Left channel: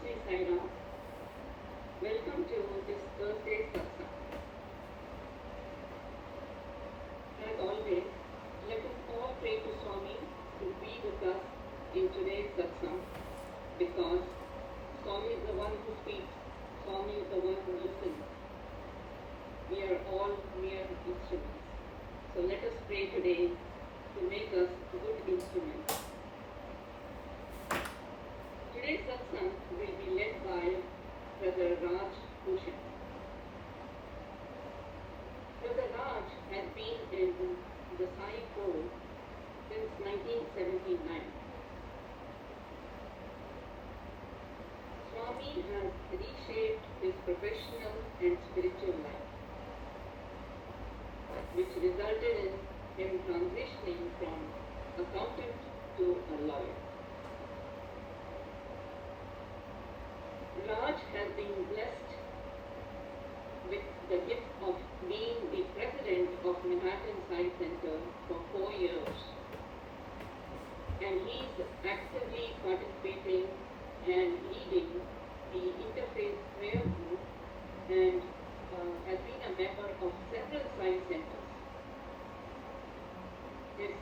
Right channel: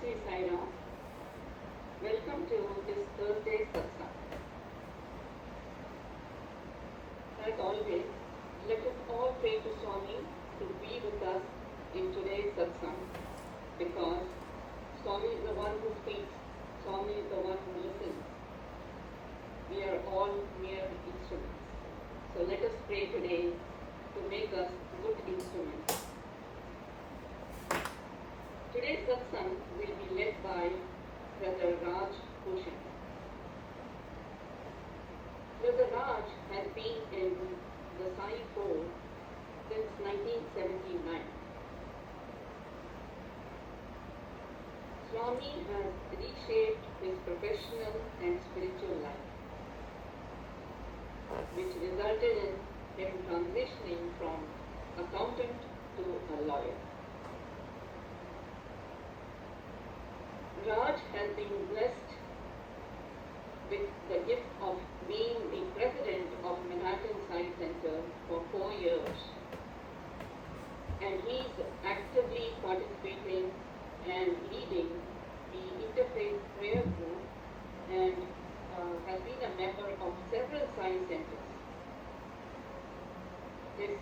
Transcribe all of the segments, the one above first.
Sri Sai Ram. Welcome to this Thursday satsang. As always, let us all pray to Swami to be with us in today's satsang, because Swami is the one who speaks, Swami is the one who listens. We are all mere instruments. So let us pray today to make us good instruments. Today's satsang will be led by Brother Raj Bhushan. Brother Raj has been in the Sai fold since 1979. Swami has reshaped his professional and spiritual life, which resulted in him transitioning from accountant to a lawyer. Raj has been blessed with the gift of being the president of Manhattan Sai Center for 4 years, and he's actively participating and leading the interfaith prayer group and has been a member of several Sai centers. His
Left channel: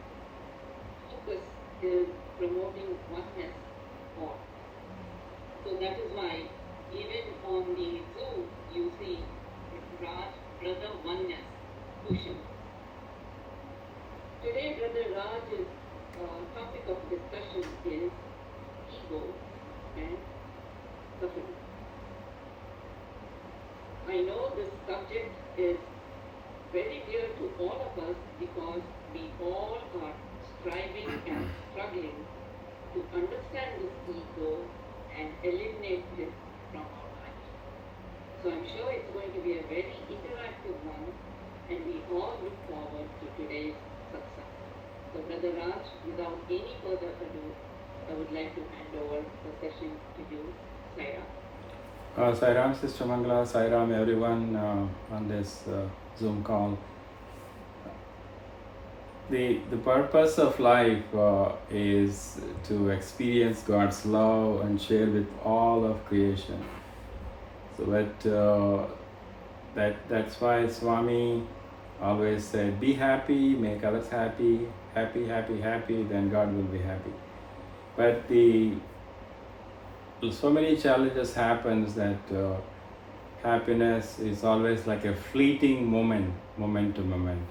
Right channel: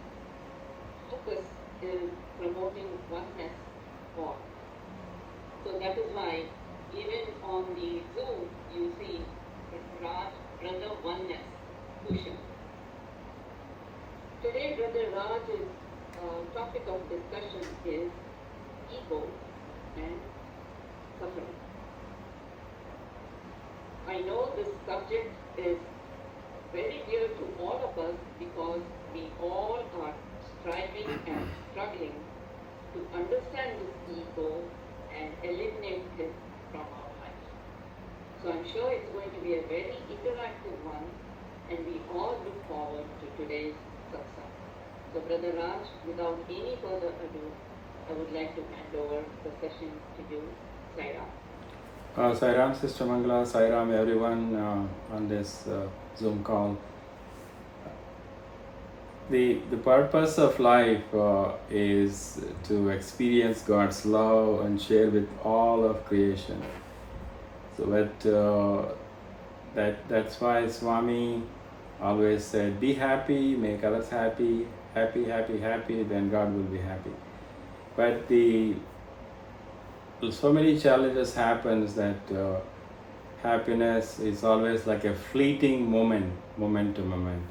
focus is promoting oneness for. So that is why even on the Zoom you see Raj Brotheroneness Bhushan. Today Brother Raj's topic of discussion is ego and suffering. I know this subject is very dear to all of us because we all are striving and struggling to understand this ego and eliminate it from our life. So I'm sure it's going to be a very interactive one, and we all look forward to today's satsang. So Brother Raj, without any further ado, I would like to hand over the session to you. Sai Ram. Sai Ram, Sister Mangala, Sai Ram, everyone on this Zoom call. The purpose of life is to experience God's love and share with all of creation. So that's why Swami always said, be happy, make others happy, happy, happy, happy, then God will be happy. But so many challenges happens that happiness is always like a fleeting moment to moment.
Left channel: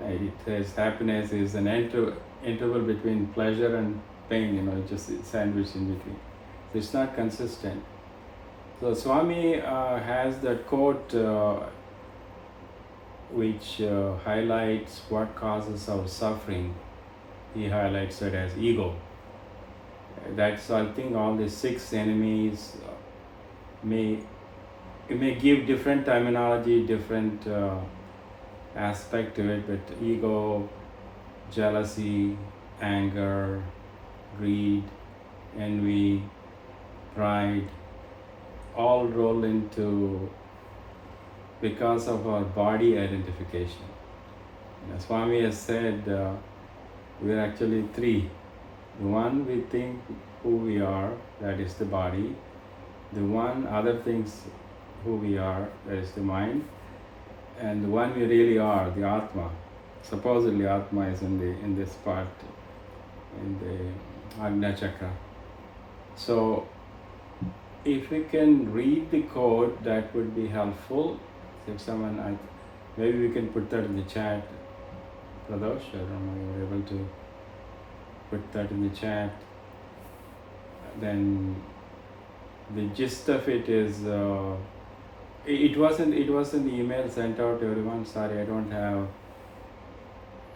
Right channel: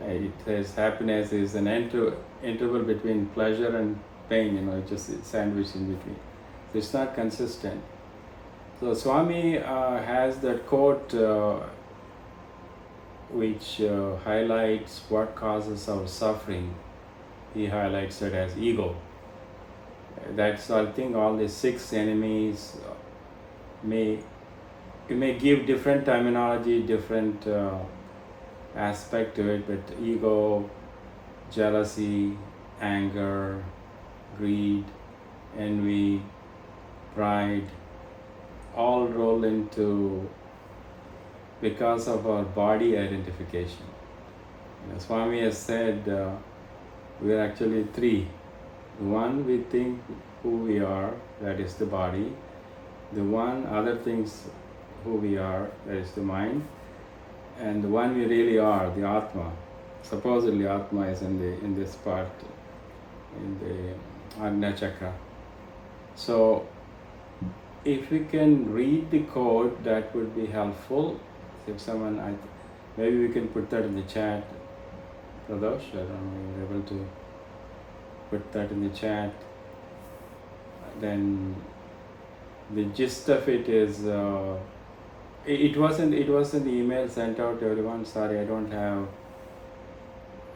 It says happiness is an interval between pleasure and pain, just sandwiched in between. So it's not consistent. So Swami has that quote which highlights what causes our suffering. He highlights it as ego. That's, I think, all the 6 enemies you may give different terminology, different aspect to it, but ego, jealousy, anger, greed, envy, pride, all roll into because of our body identification. Swami has said we are actually 3. The one we think who we are, that is the body. The one other things who we are, that is the mind. And the one we really are, the Atma. Supposedly Atma is in this part, in the Ajna Chakra. So if we can read the code, that would be helpful. If someone, maybe we can put that in the chat. Pradosh, I don't know, you're able to put that in the chat. Then the gist of it is, it wasn't the email sent out to everyone. Sorry, I don't have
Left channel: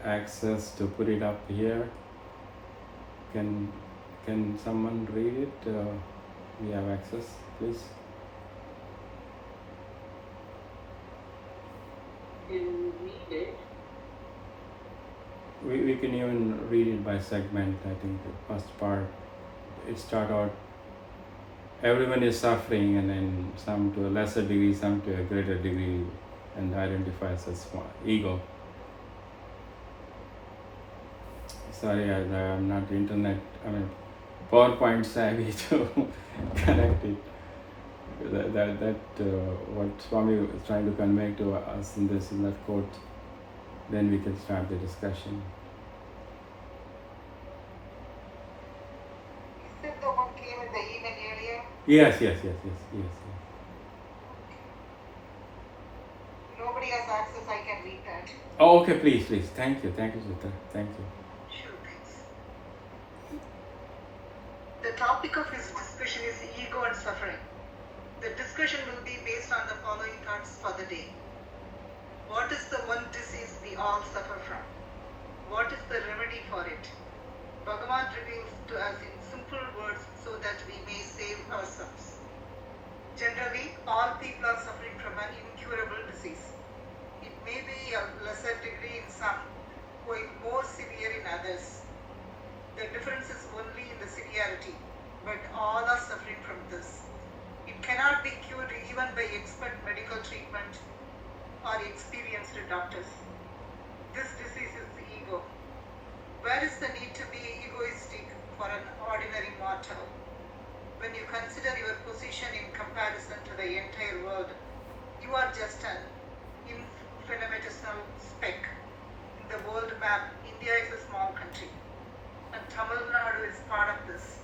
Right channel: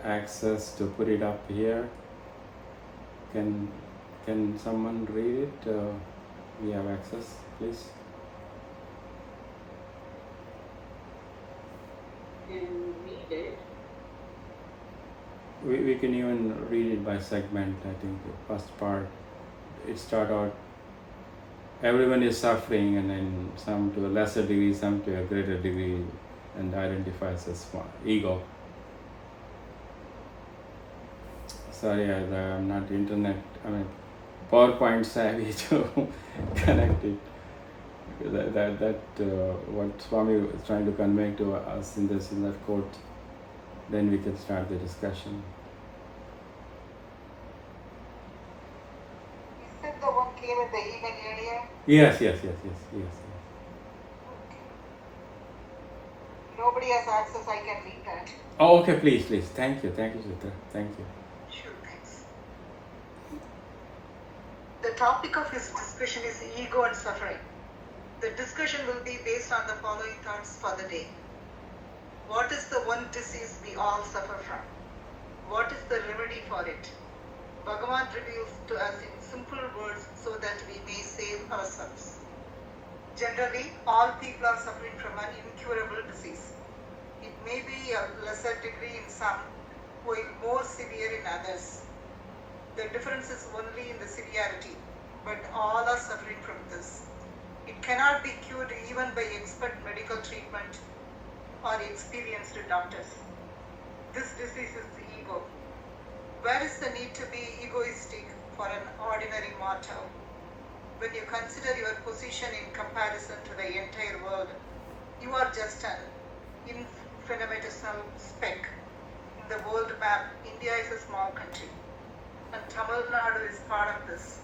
access to put it up here. Can someone read it? We have access, please. Can read it. We can even read it by segment. I think the first part, it start out, everyone is suffering, and then some to a lesser degree, some to a greater degree, and identifies as ego. Sorry, I'm not internet, PowerPoint savvy to connect it. What Swami is trying to convey to us in that quote. Then we can start the discussion. Is that the one came in the email earlier? Yes. Nobody has access, I can read that. Oh, okay, please. Thank you, Chitra. Thank you. Sure, thanks. The topic of his discussion is ego and suffering. The discussion will be based on the following thoughts for the day. What is the one disease we all suffer from? What is the remedy for it? Bhagavan reveals to us in simple words so that we may save ourselves. Generally, all people are suffering from an incurable disease. It may be a lesser degree in some, while more severe in others. The difference is only in the severity, but all are suffering from this. It cannot be cured even by expert medical treatment or experienced doctors. This disease is the ego. Where is the need to be egoistic for an ordinary mortal? When you consider your position in comparison to the entire world, you are just an infinitesimal speck. In the world map, India is a small country, and Tamil Nadu is part of this.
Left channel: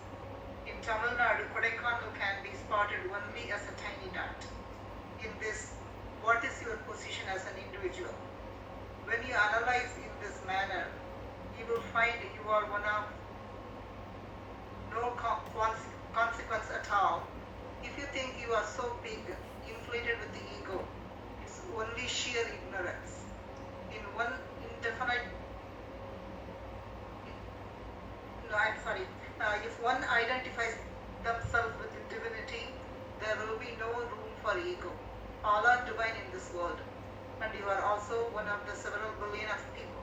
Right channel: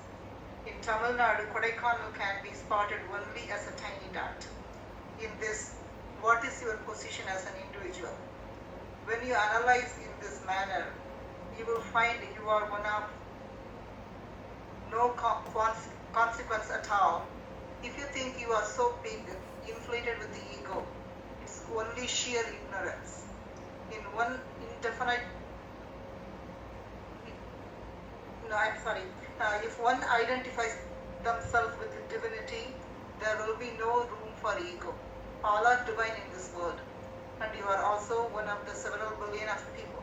In Tamil Nadu, Kodaikanal can be spotted only as a tiny dot. In this, what is your position as an individual? When you analyze in this manner, you will find you are one of no consequence at all. If you think you are so big, inflated with the ego, it's only sheer ignorance. In one indefinite if one identifies themselves with divinity, there will be no room for ego. All are divine in this world, and you are also one of the several billion of people.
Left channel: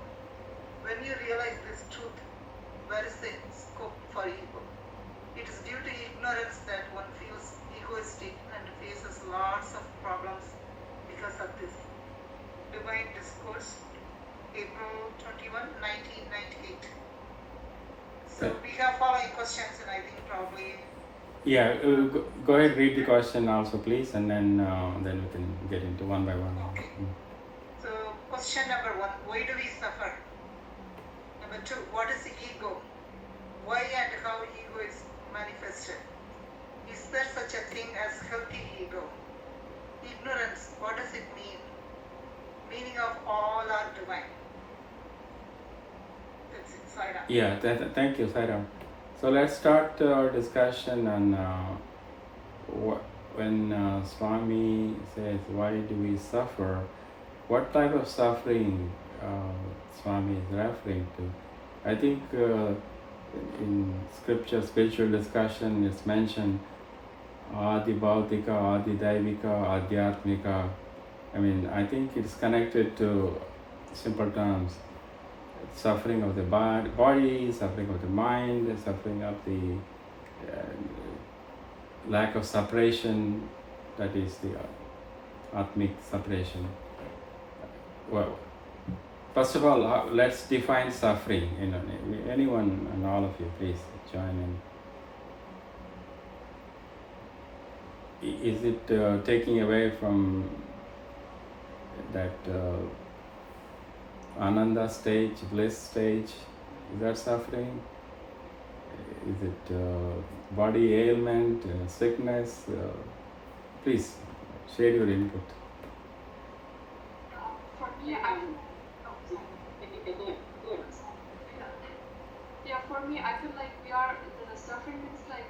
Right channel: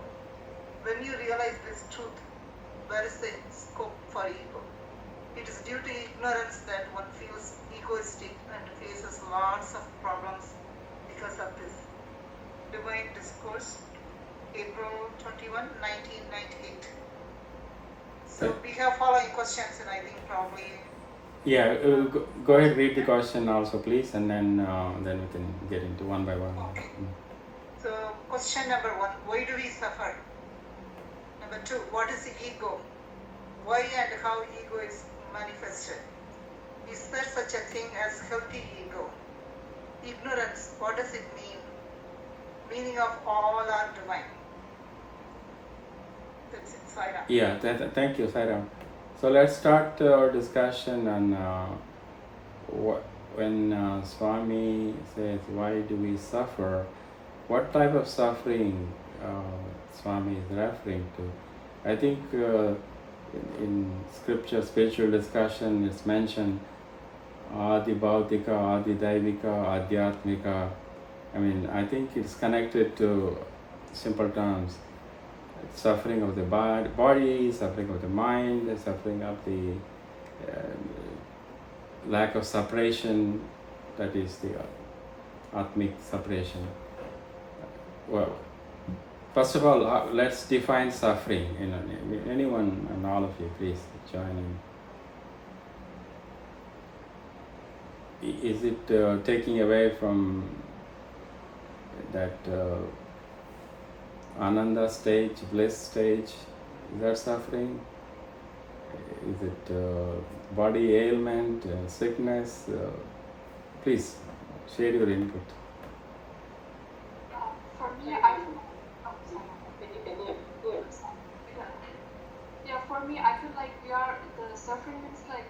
When you realize this truth, where is the scope for ego? It is due to ignorance that one feels egoistic and faces lots of problems because of this. Divine Discourse, April 21, 1998. So we have following questions, and I think probably. Yeah, go ahead, read the question also, please, and then we can get into one by one. Okay. So question number 1: why do we suffer? Number 2: what is the ego? Why and how ego is manifested? Is there such a thing as healthy ego? Ignorance, what does it mean? Meaning of all are divine. That's it, Sairam. Yeah, thank you, Sairam. So let's start our discussion on when Swami says, why do we suffer? What type of suffering Swami is referring to? I think in scripture, spiritual discussion, it's mentioned Adi Bhautika, Adi Daivika, Adhyatmika. I mean, I think it's connected to simple terms. Suffering of the body, suffering of the mind, suffering of the lack of separation, that is the Atmic separation. Well, first of all, let's define suffering. Anyone and all of you, please join in. Is it taking away from that Ananda stage, bliss stage? Is that suffering? Is it body ailment, sickness? Please share your input. For me, I feel like the suffering is like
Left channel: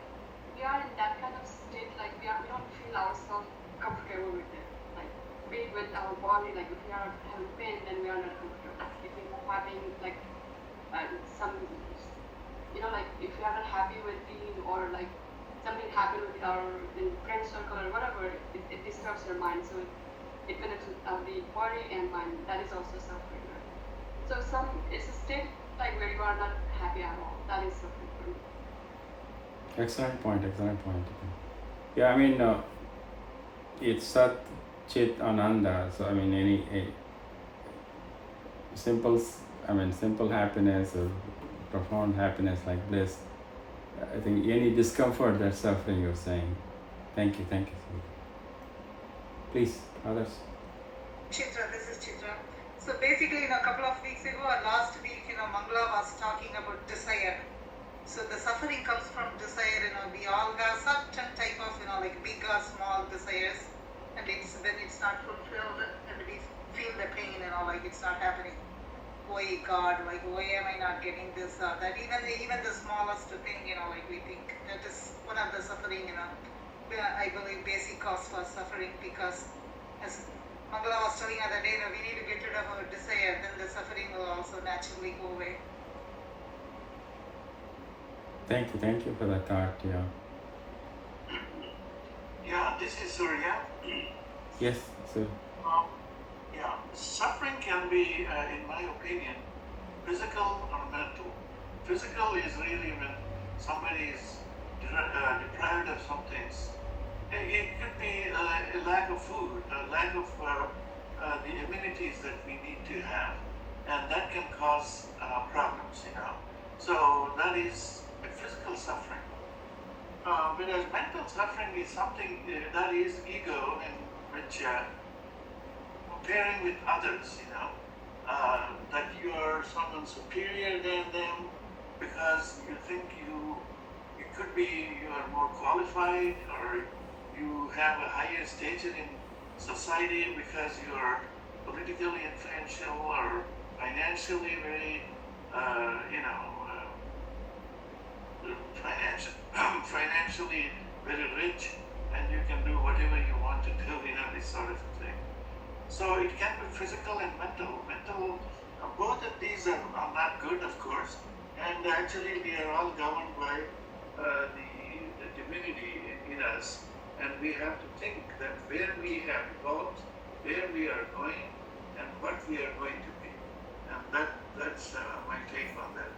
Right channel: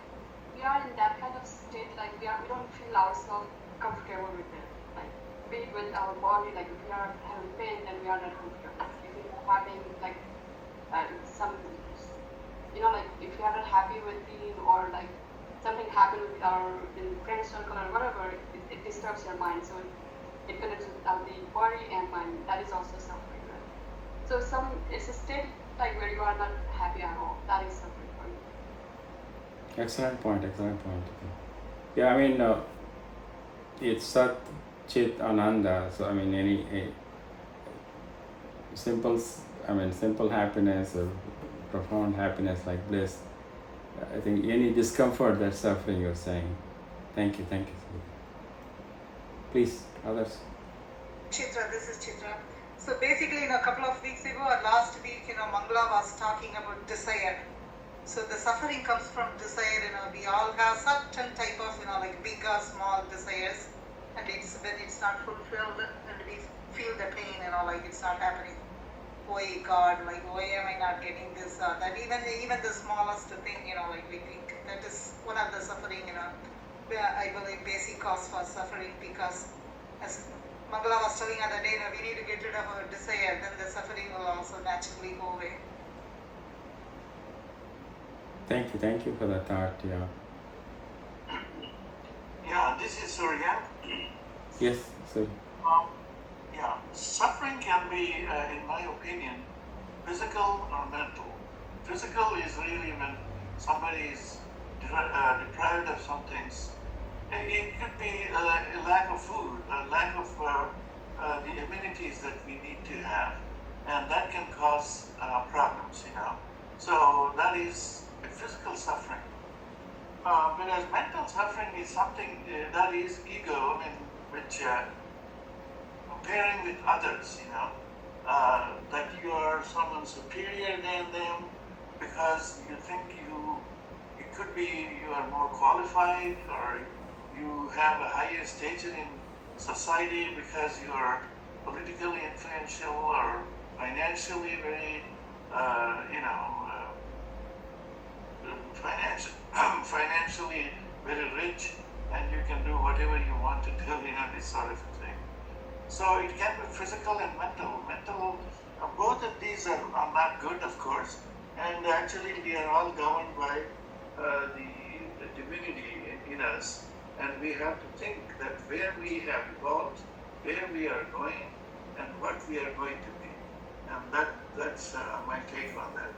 we are in that kind of state, like we don't feel ourselves comfortable with it. Like be it with our body, like if we are having pain, then we are not comfortable. If we're having like some, like if we are not happy with eating, or like something happened with our friend circle or whatever, it disturbs your mind. So it connects with the body and mind. That is also suffering. Right? So it's a state like where you are not happy at all. That is suffering for me. Excellent point. Yeah, I mean, it's Sat, Chit, Ananda. So I mean, simple happiness or profound happiness like bliss I think any discomfort, that's suffering, you're saying. Thank you. Please, others. Chitra, this is Chitra. So basically, a couple of weeks ago or last week, Mangala was talking about desire. So the suffering comes from desire. We all have certain type of, like big or small desires, and it's when it's not fulfilled, and we feel the pain, like it's not happening. Why God, like why am I not getting this or that? Even the smallest thing, like we think that is one of the suffering. I believe basic cause for suffering, because as Mangala was telling other day, we need to get rid of our desire, then the suffering will also naturally go away. Thank you for that thought. Yeah. Yeah, this is Surya. Yes, sir. Yeah, suffering can be, in my opinion, physical or mental. Physical is really when somebody is deprived of some things. It could be a lack of food, a lack of the amenities that we need to have, and that can cause problems, So that is physical suffering. Whereas mental suffering is something that is ego, in which comparing with others, that you are someone superior than them because you think you are more qualified, or you have a higher stature in society because you are politically influential or financially very, financially very rich, and you can do whatever you want to do, this sort of thing. So it can be physical and mental. Both of these are not good, of course, and actually we are all governed by the divinity in us, and we have to think that where we have evolved, where we are going, and what we are going to be. And that's my take on that.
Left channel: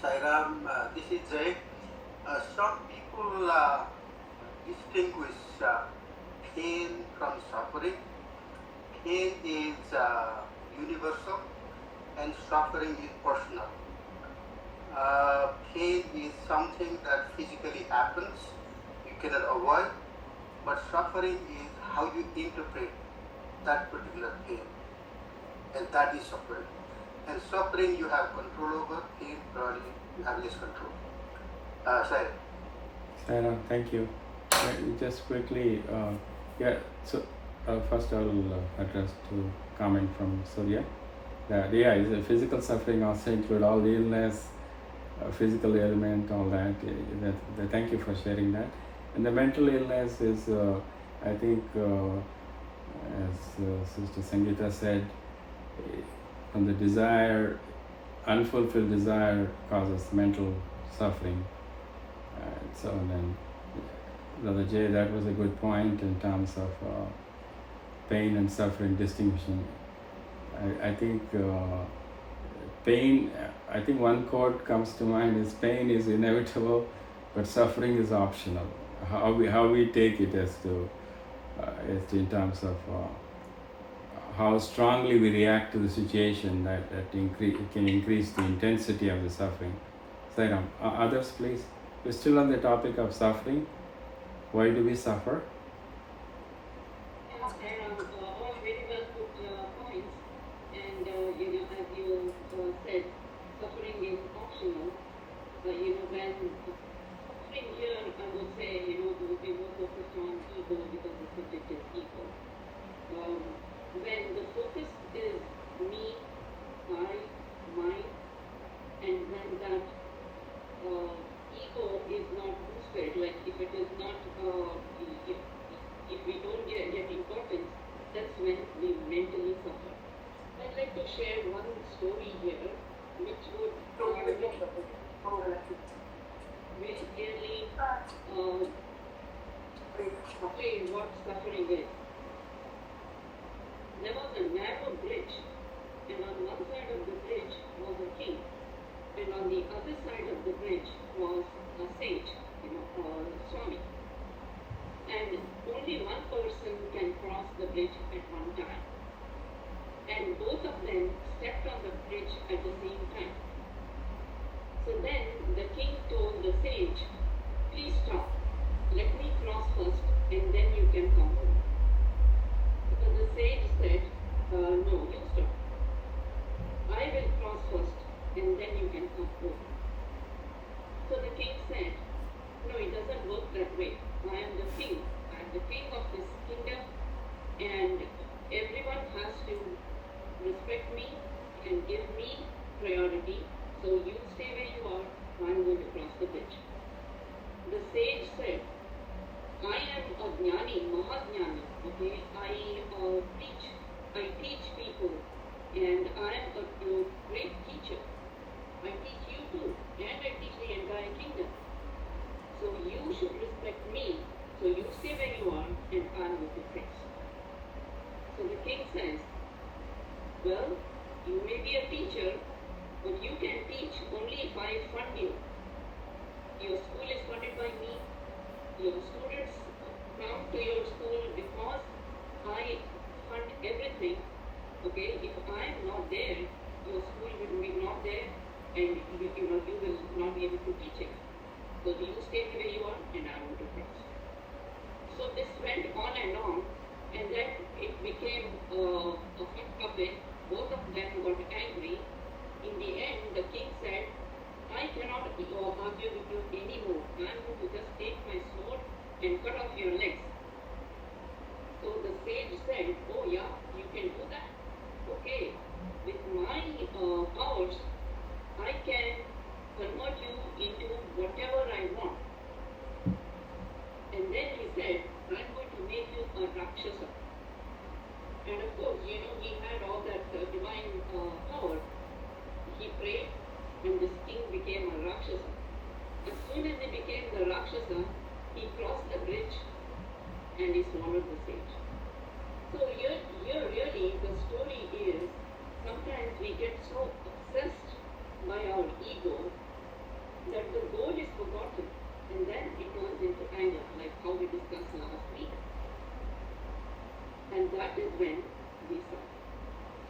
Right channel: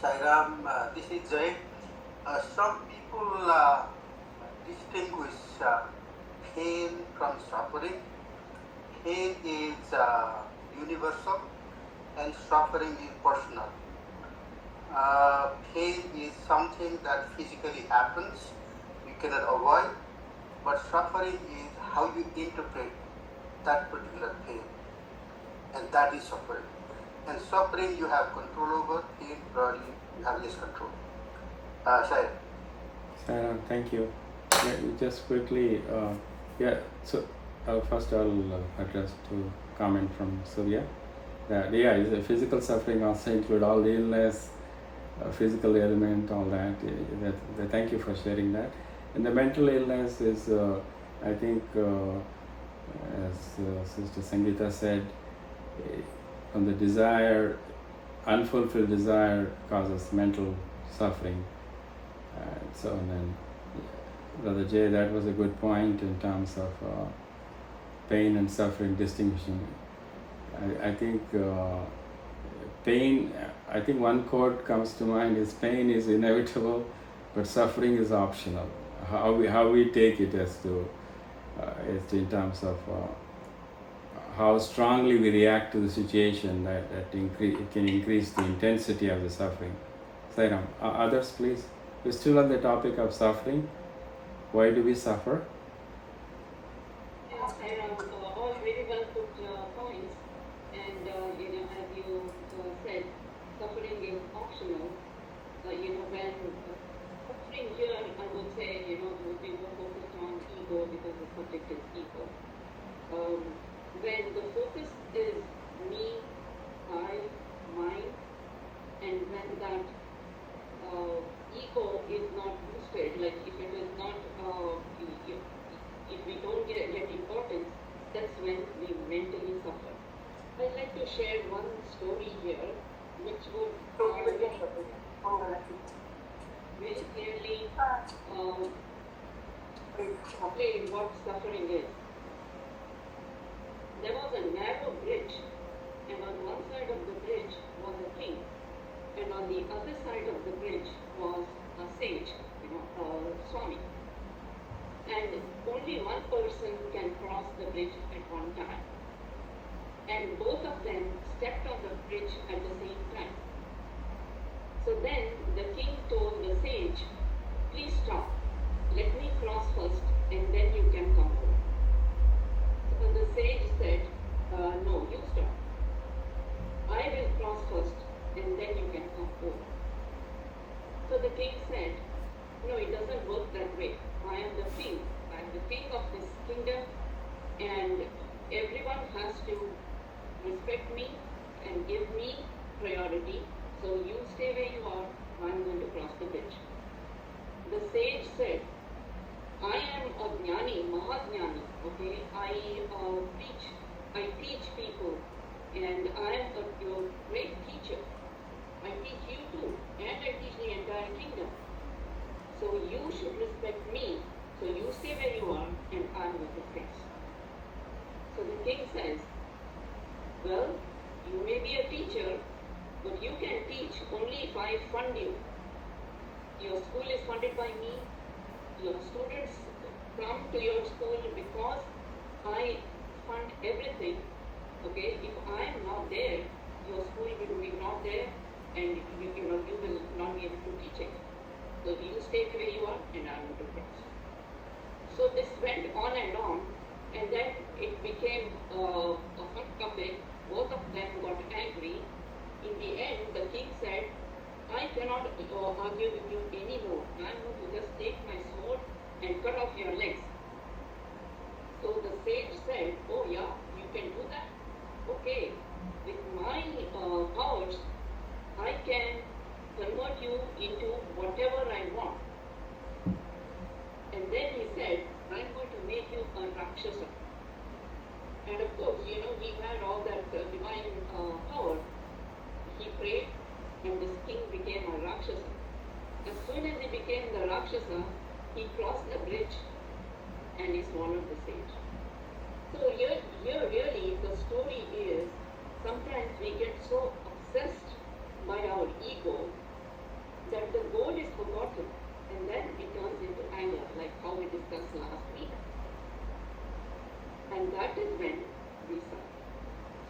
Sairam, this is Jay. Some people distinguish pain from suffering. Pain is universal and suffering is personal. Pain is something that physically happens, you cannot avoid, but suffering is how you interpret that particular pain, and that is suffering. And suffering you have control over, pain probably you have less control. Sarah, thank you. Yeah, just quickly, so first I'll address to comment from Surya. Is a physical suffering also include all the illness, physical ailment, all that. Thank you for sharing that. And the mental illness is, I think, as Sister Sangeeta said, from the desire, unfulfilled desire causes mental suffering. So then, Brother Jay, that was a good point in terms of pain and suffering distinction. I think pain, I think one quote comes to mind is pain is inevitable, but suffering is optional. How we take it as to in terms of how strongly we react to the situation that can increase the intensity of the suffering. Sairam, others please. We're still on the topic of suffering. Why do we suffer? All very well put points, and as you said, suffering is optional. When suffering here, I would say, would be more focused on ego, because the subject is ego. When the focus is me, I, mine, and when that ego is not boosted, like if it is not then you can come home. So the king said, no, it doesn't work that way. I am the king. I am the king of this kingdom, and everyone has to respect me and give me priority. So you stay where you are. I'm going to cross the bridge. The sage said, I am a jnani, mahajnani, okay? I teach people, and I am a great teacher. I teach you too, and I teach the entire kingdom. So you should respect me. So you stay where you are, and I'm going to fix. So the king says, well, you may be a teacher, but you can teach only if I fund you. Your school is funded by me. Your students come to your school because I fund everything. Okay, if I am not there, your school will be not there, and you will not be able to teach it. So you stay where you are, and I want to cross. So this went on, and then it became a hot topic. Both of them got angry. In the end, the king said, I cannot argue with you anymore. I'm going to just take my sword and cut off your legs. So the sage said, oh yeah, you can do that. Okay, with my powers, I can convert you into whatever I want. And then he said, I'm going to make you a Rakshasa. And of course, he had all that divine power. He prayed, and this king became a Rakshasa. As soon as he became the Rakshasa, he crossed the bridge and he swallowed the sage. So here really the story is, sometimes we get so obsessed by our ego that the goal is forgotten, and then it turns into anger, like how we discussed last week. And that is when we suffer.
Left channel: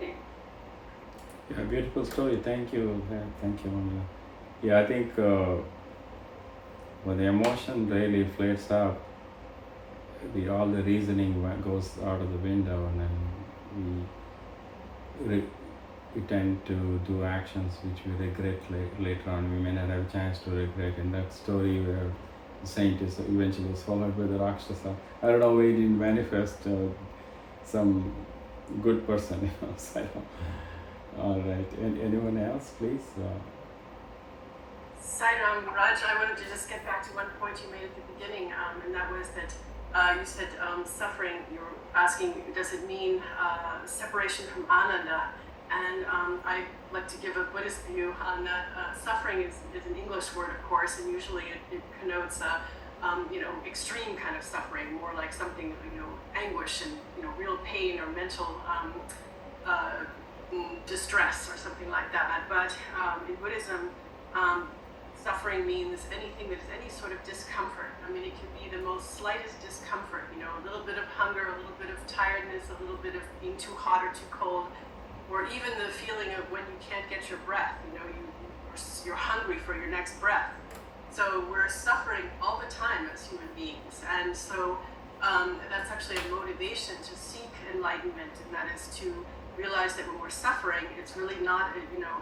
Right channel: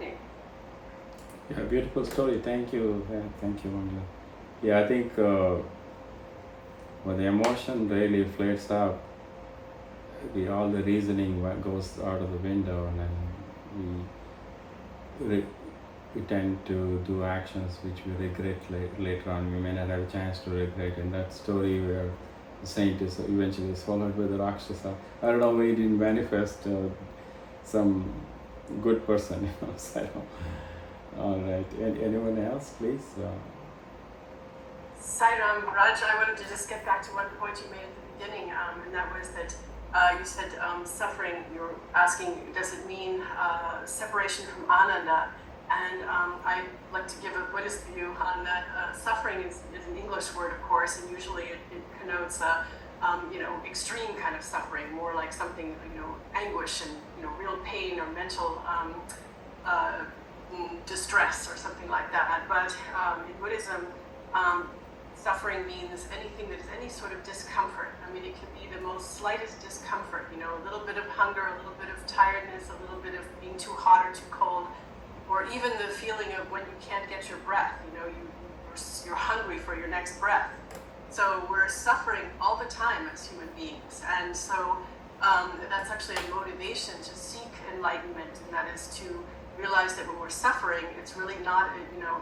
Thanks. Yeah, beautiful story. Thank you. Thank you, Mangala. Yeah, I think when the emotion really flares up, all the reasoning goes out of the window, and then we tend to do actions which we regret later on. We may not have a chance to regret. In that story where the saint is eventually swallowed by the Rakshasa, I don't know why he didn't manifest some good person, So, all right. Anyone else, please? Sairam, Raj, I wanted to just get back to one point you made at the beginning, and that was that you said suffering, you're asking, does it mean separation from ananda? And I'd like to give a Buddhist view on that. Suffering is an English word, of course, and usually it connotes extreme kind of suffering, more like something, anguish and, real pain or mental distress or something like that. But in Buddhism, suffering means anything that is any sort of discomfort. I mean, it could be the most slightest discomfort, a little bit of hunger, a little bit of tiredness, a little bit of being too hot or too cold, or even the feeling of when you can't get your breath, you're hungry for your next breath. So we're suffering all the time as human beings. And so that's actually a motivation to seek enlightenment, and that is to realize that when we're suffering, it's really not,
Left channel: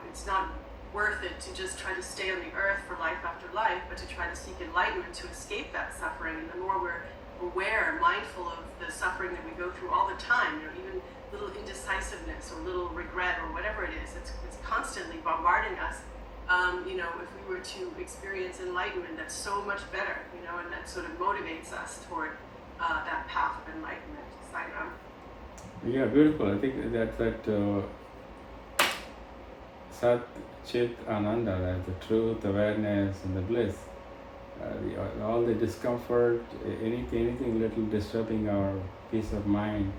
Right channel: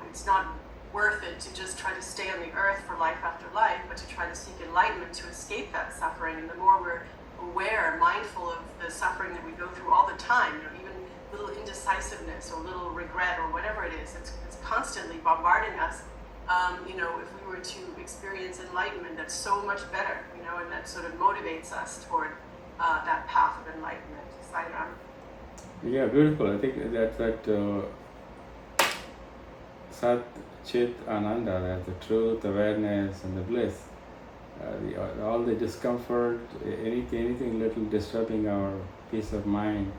it's not worth it to just try to stay on the earth for life after life, but to try to seek enlightenment to escape that suffering. And the more we're aware, mindful of the suffering that we go through all the time, even little indecisiveness or little regret or whatever it is, it's constantly bombarding us. If we were to experience enlightenment, that's so much better, and that sort of motivates us toward that path of enlightenment. Sairam. Yeah, beautiful. I think that Sat Chit Ananda, the truth, awareness, and the bliss, all the discomfort, anything little disturbing our peace of mind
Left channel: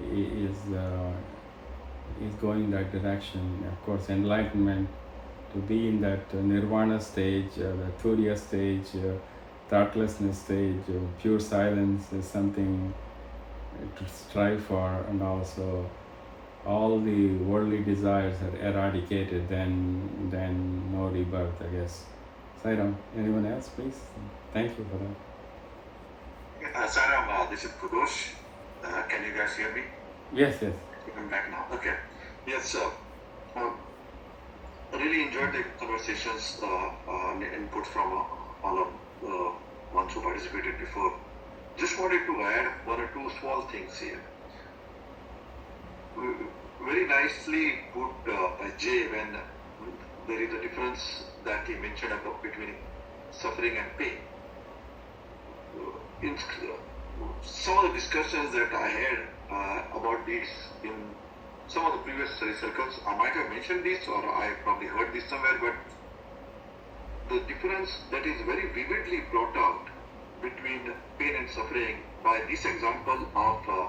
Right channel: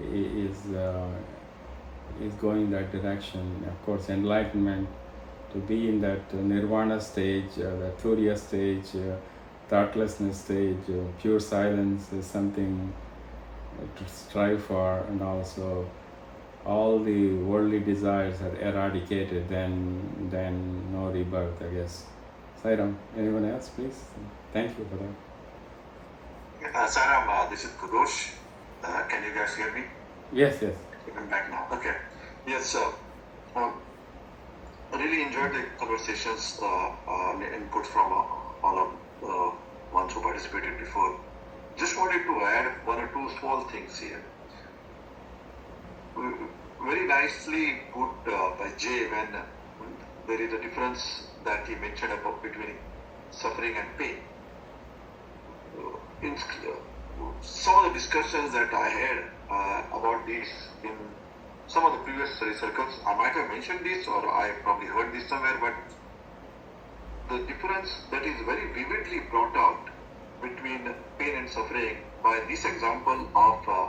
is going in that direction. Of course, enlightenment, to be in that nirvana stage, that turiya stage, thoughtlessness stage, pure silence is something to strive for, and also all the worldly desires are eradicated, then no rebirth, I guess. Sairam, anyone else, please? Thank you for that. Sairam, this is Kudosh. Can you guys hear me? Yes. I'm back now. Okay. Yes, so really really enjoyed the conversations and input from all of ones who participated before. Just wanted to add one or two small things here. Very nicely put by Jay when there is a difference that he mentioned about between suffering and pain. In some of the discussions that I had about this in some of the previous study circles, I might have mentioned this or I probably heard this somewhere, but the difference that is very vividly brought out between pain and suffering by this example of a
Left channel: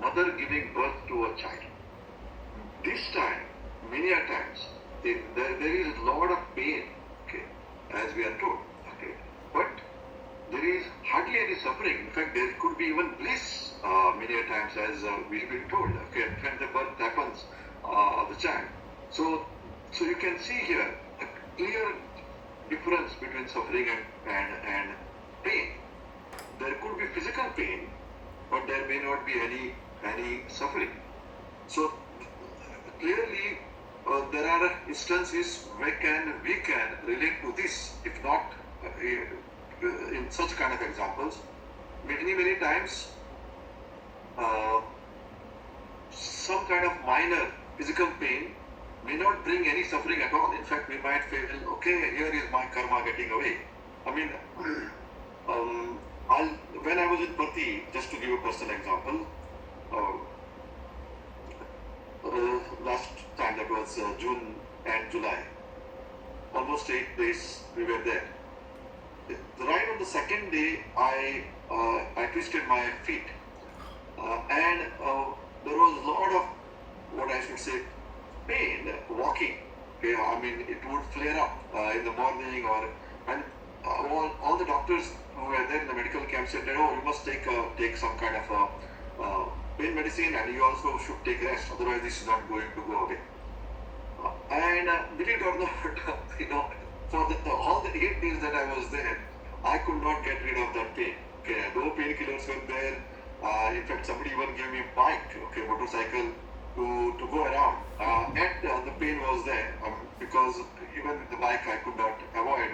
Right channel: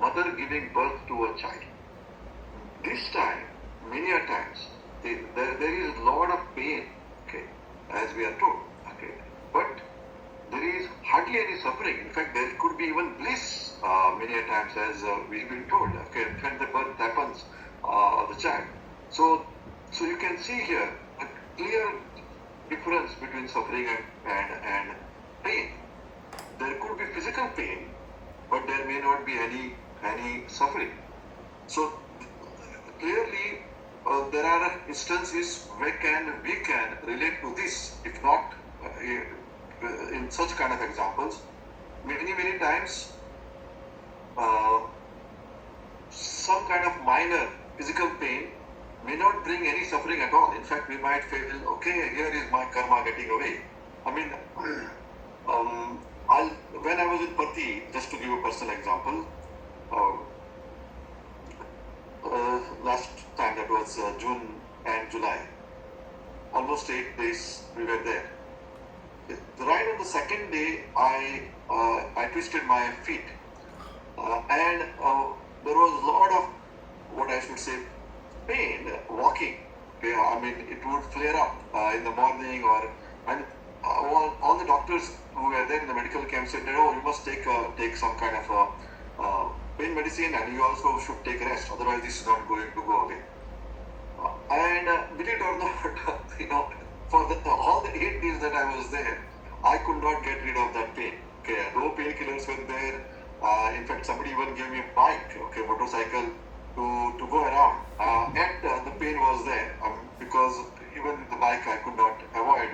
mother giving birth to a child. This time, many a times, there is a lot of pain, okay, as we are told, okay, but there is hardly any suffering. In fact, there could be even bliss many a times, as we've been told, okay, when the birth happens of the child. So you can see here a clear difference between suffering and pain. There could be physical pain, but there may not be any suffering. So clearly, there are instances where we can relate to this, if not in such kind of examples. Many times, some kind of minor physical pain may not bring any suffering at all. In fact, we might feel, okay, here is my karma getting away. I mean, when I was in Pati, just to give a personal example, last time, that was June and July, almost 8 days we were there. Right on the second day, I twisted my feet, and there was a lot of, what I should say, pain walking. Okay, I mean, it would flare up in the morning, and all the doctors who were there in the medical camp said that, oh, you must take some kind of pain medicine, and you also should take rest, otherwise this is not going to go away. And believe it or not, for all the 8 days that I was there, I could not get rid of that pain. Okay, no painkillers were there. In fact, somebody even gave me a bike, okay, motorcycle to go around. And the pain was there because even with the bike I could not avoid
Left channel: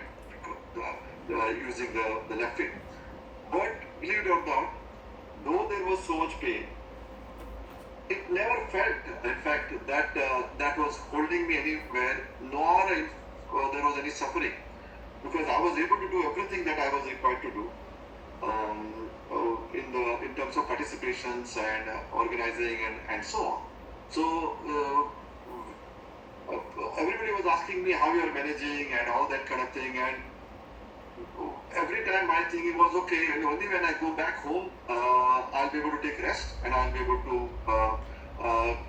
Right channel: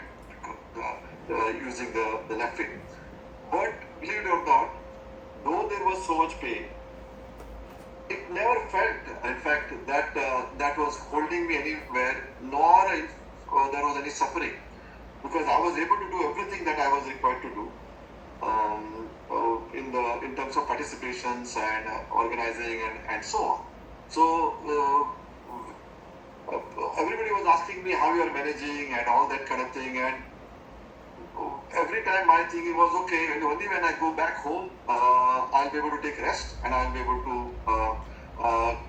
using the left feet. But believe it or not, though there was so much pain, it never felt, in fact, that was holding me anywhere, nor there was any suffering, because I was able to do everything that I was required to do in terms of participations and organizing and so on. So everybody was asking me how you are managing and all that kind of thing, and every time my thinking was, okay, and only when I go back home, I'll be able to take rest and I'll be able to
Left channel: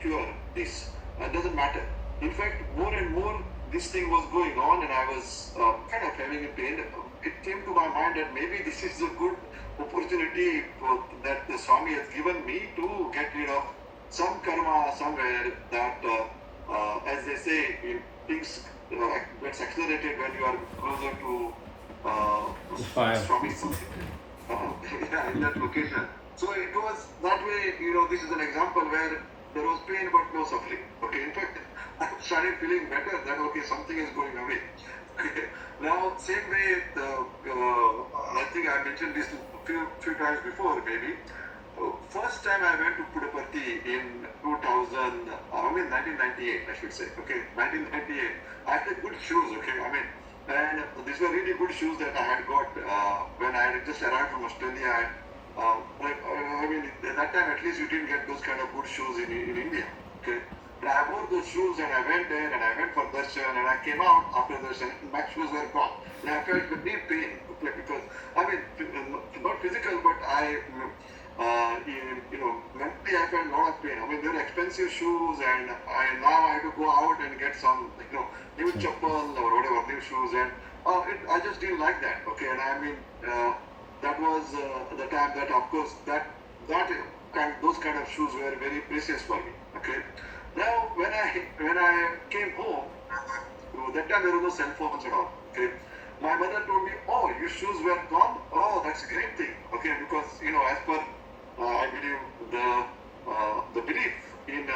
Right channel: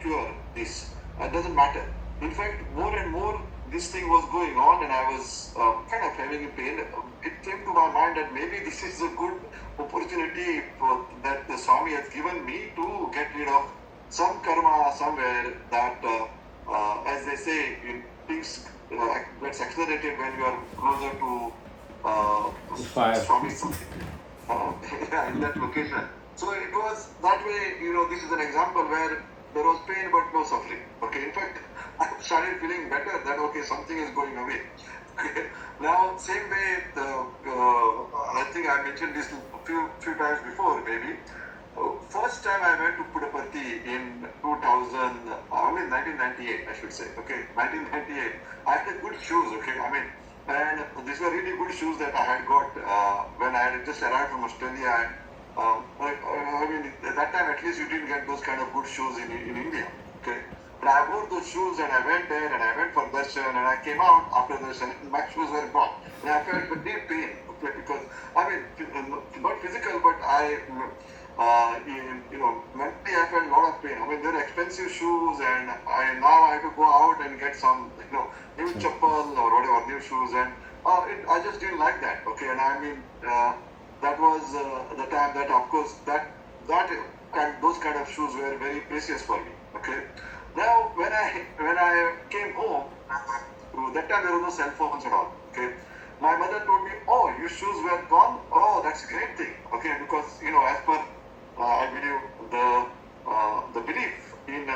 cure this. It doesn't matter. In fact, more and more this thing was going on, and I was kind of having a pain. It came to my mind that maybe this is a good opportunity that the Swami has given me to get rid of some karma somewhere that, as they say, things gets accelerated when you are closer to fire. Swami something. Yeah, in that location. So it was that way, this is an example where there was pain but no suffering. Okay, in fact, I started feeling better that, okay, something is going away. Okay. Now, same way, I think I mentioned this a few times before, maybe. First time I went to Puttaparthi in 1998, I should say. Okay, 1998. I had the good shoes, okay, and these were really good shoes that I had got when I had just arrived from Australia. At that time at least you didn't get those kind of good shoes in India. Okay, but I wore those shoes and I went there and I went for darshan, and I came out after darshan and my shoes were gone. And I felt a deep pain, okay, because not physical, but mentally I felt a lot of pain. They're expensive shoes, and now I have to go out and get some, new chappal or whatever, new shoes, and I just didn't like that. Okay, and that was the time that, of course, those kind of shoes were very precious for me. Okay, now when I came home, that time there were no cell phones at all. Okay, my mother told me, oh, your shoes were gone. Oh, that's a great thing. Okay, because as per I believe the belief in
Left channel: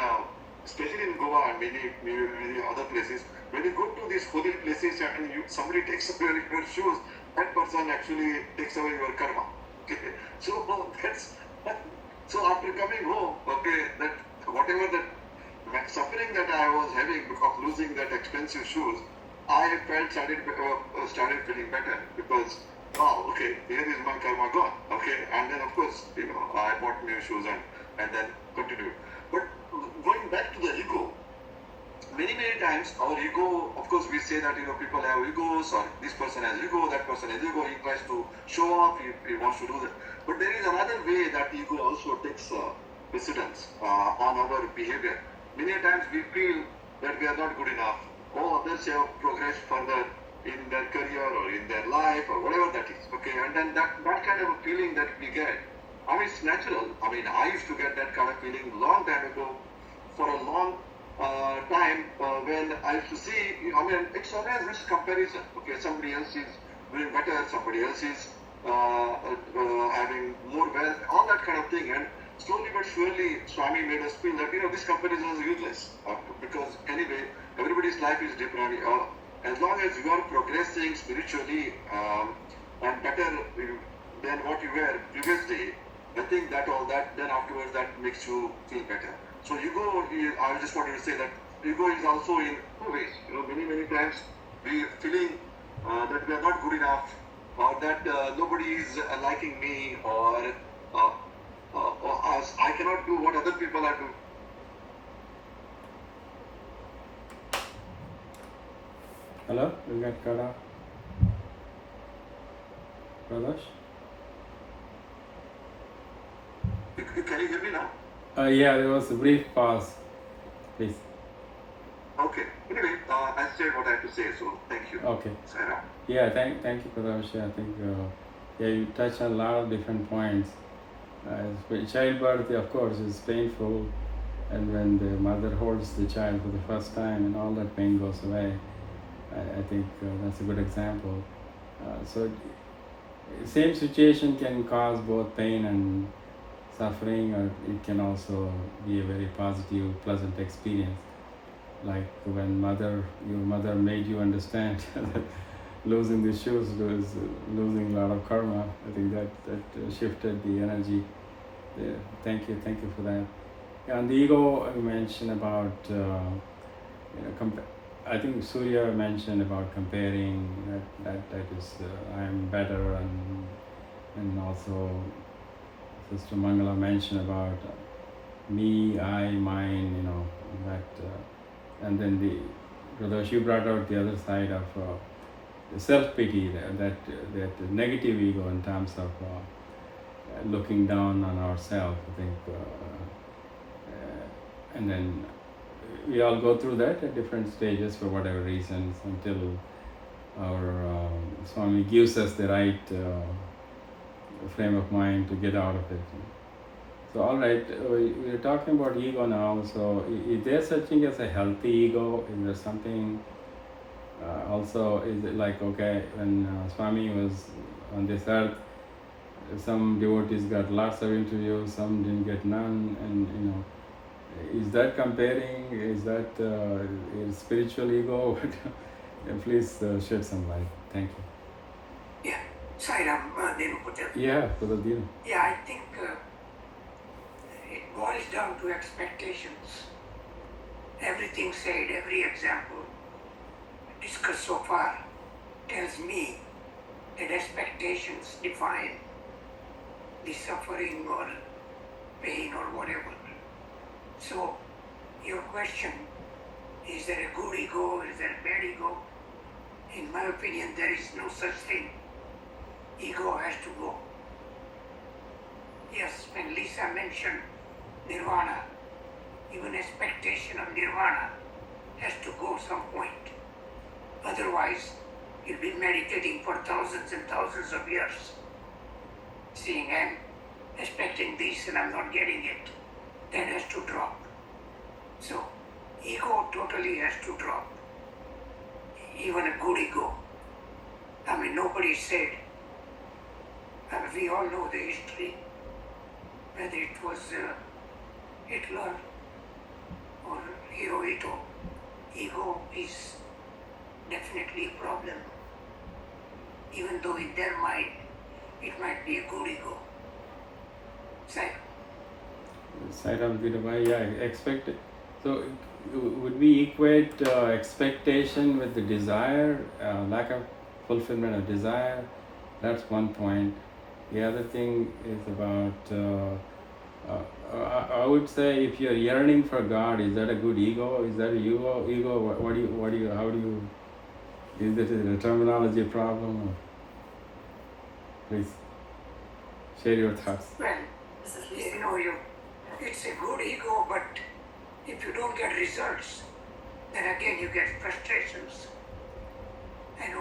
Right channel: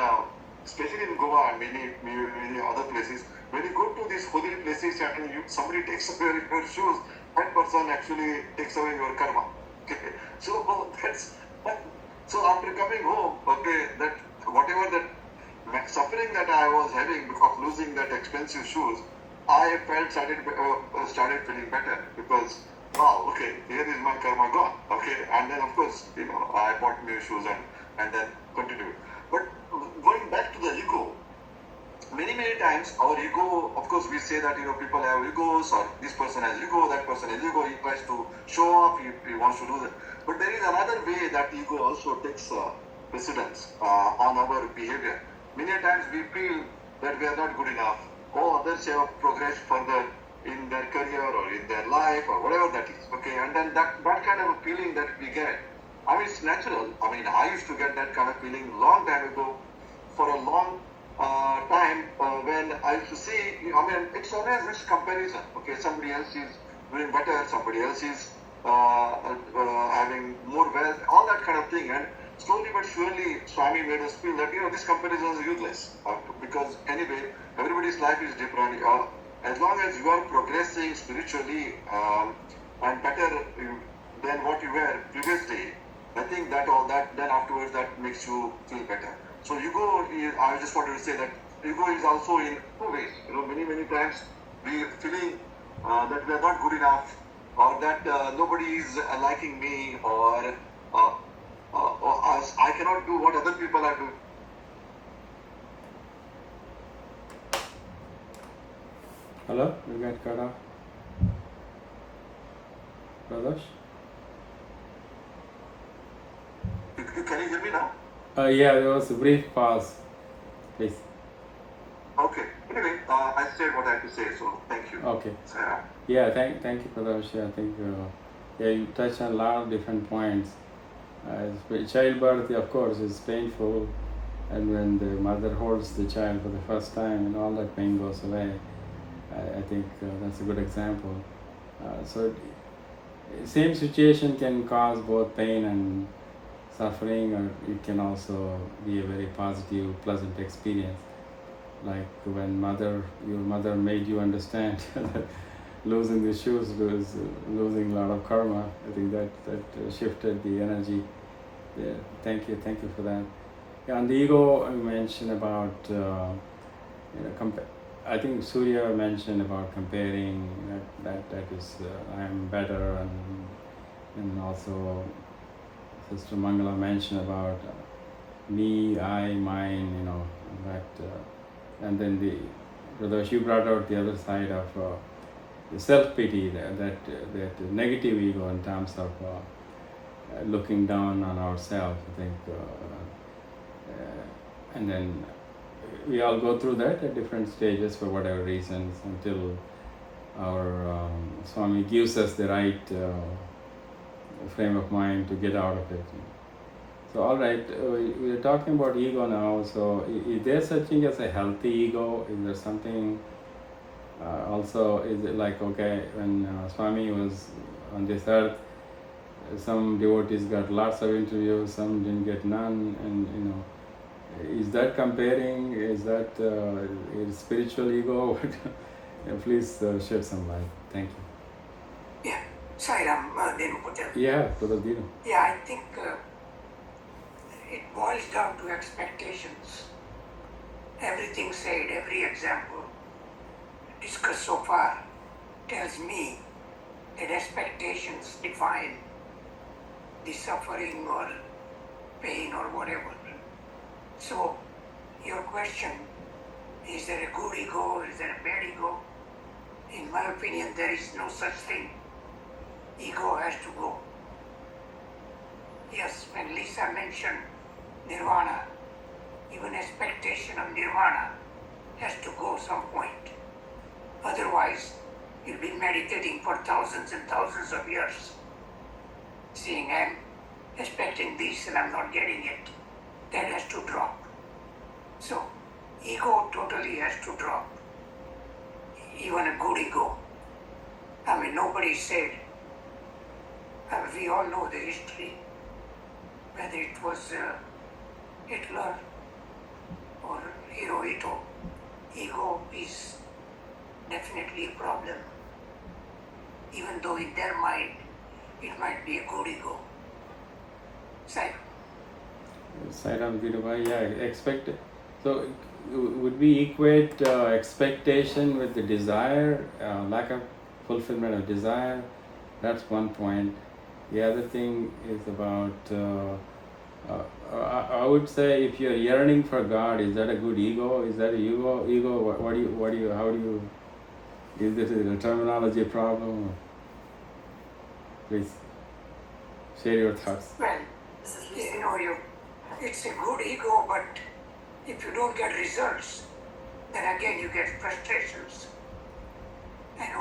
especially in Goa and many other places, when you go to these holy places and somebody takes away your shoes, that person actually takes away your karma. Okay. So that's so after coming home, okay, that whatever that suffering that I was having of losing that expensive shoes, I felt started feeling better because wow, okay, here is my karma gone. Okay, and then of course, I bought new shoes and then continued. But going back to the ego, many times our ego, of course, we say that people have egos, or this person has ego, that person has ego. He tries to show off. He wants to do that. But there is another way that ego also takes precedence on our behavior. Many times we feel that we are not good enough. Or others have progressed further in their career or in their life or whatever that is. Okay, and then that kind of a feeling that we get, I mean, it's natural. I mean, I used to get that kind of feeling long time ago for a long time when I used to see, I mean, it's always this comparison. Okay, somebody else is doing better, somebody else is having more wealth, all that kind of thing. And slowly but surely, Swami made us feel that, this comparison is useless because anyway, everybody's life is different. As long as you are progressing spiritually and better than what you were previously, I think that then afterwards that makes you feel better. So ego, I just wanted to say that ego is also in two ways. Many times we feeling that we are not good enough, or that nobody is liking me, or us. I cannot do what other people are doing. Hello, we got cut off. Pradosh? Can you hear me now? Yeah, there was a brief pause. Please. Okay. Anyway, I said what I had to say, so thank you. Okay. Sarah. Yeah, thank you, Pradosh. I think you touched on a lot of different points. Childbirth, of course, is painful, and when the mother holds the child for the first time and all that pain goes away, I think that's a good example. So, same situation can cause both pain and suffering, or it can also be a very positive, pleasant experience. Like when your mother made you understand that losing the shoes was losing a lot of karma. I think that shifted the energy. Yeah, thank you for that. And the ego, you mentioned about I think Surya mentioned about comparing. That is I'm better, and also Sister Mangala mentioned about me, I, mine. And then Pradosh, you brought out the other side of the self-pity, that negative ego in terms of looking down on ourselves, I think. And then we all go through that at different stages for whatever reasons until our Swami gives us the right frame of mind to get out of it. So, all right, we're talking about ego now. So, is there such thing as a healthy ego? Is there something also, is it like, okay, when Swami was on this earth, some devotees got lots of interviews, some didn't get none, and is that comparing? Is that is spiritual ego? Please shed some light. Thank you. Yeah, Sairam, Dinu Pujan. Yeah, Brother Dinu. Yeah, I think it boils down to expectations. Everything said, every example discussed so far tells me that expectations define the suffering or pain or whatever. So, your question, is there a good ego, is there a bad ego? In my opinion, there is no such thing. Ego has to go. Yes, when Lisa mentioned nirvana, even expectation of nirvana has to go some point. Otherwise, you'll be meditating for thousands and thousands of years, saying, I'm expecting this and I'm not getting it. That has to drop. So, ego totally has to drop. Even a good ego. I mean, nobody said, we all know the history, whether it was Hitler or Hirohito. Ego is definitely a problem. Even though in their mind it might be a good ego. Sai. Side of the divine, yeah, expect. So, would we equate expectation with the desire, lack of fulfillment of desire? That's one point. The other thing is about. I would say if you're yearning for God, is that a good ego? Is that a ego? What do you? How do you? Is this a terminology problem? Or, please share your thoughts. Well, it's a good ego, but if you don't get results, then again you get frustrations.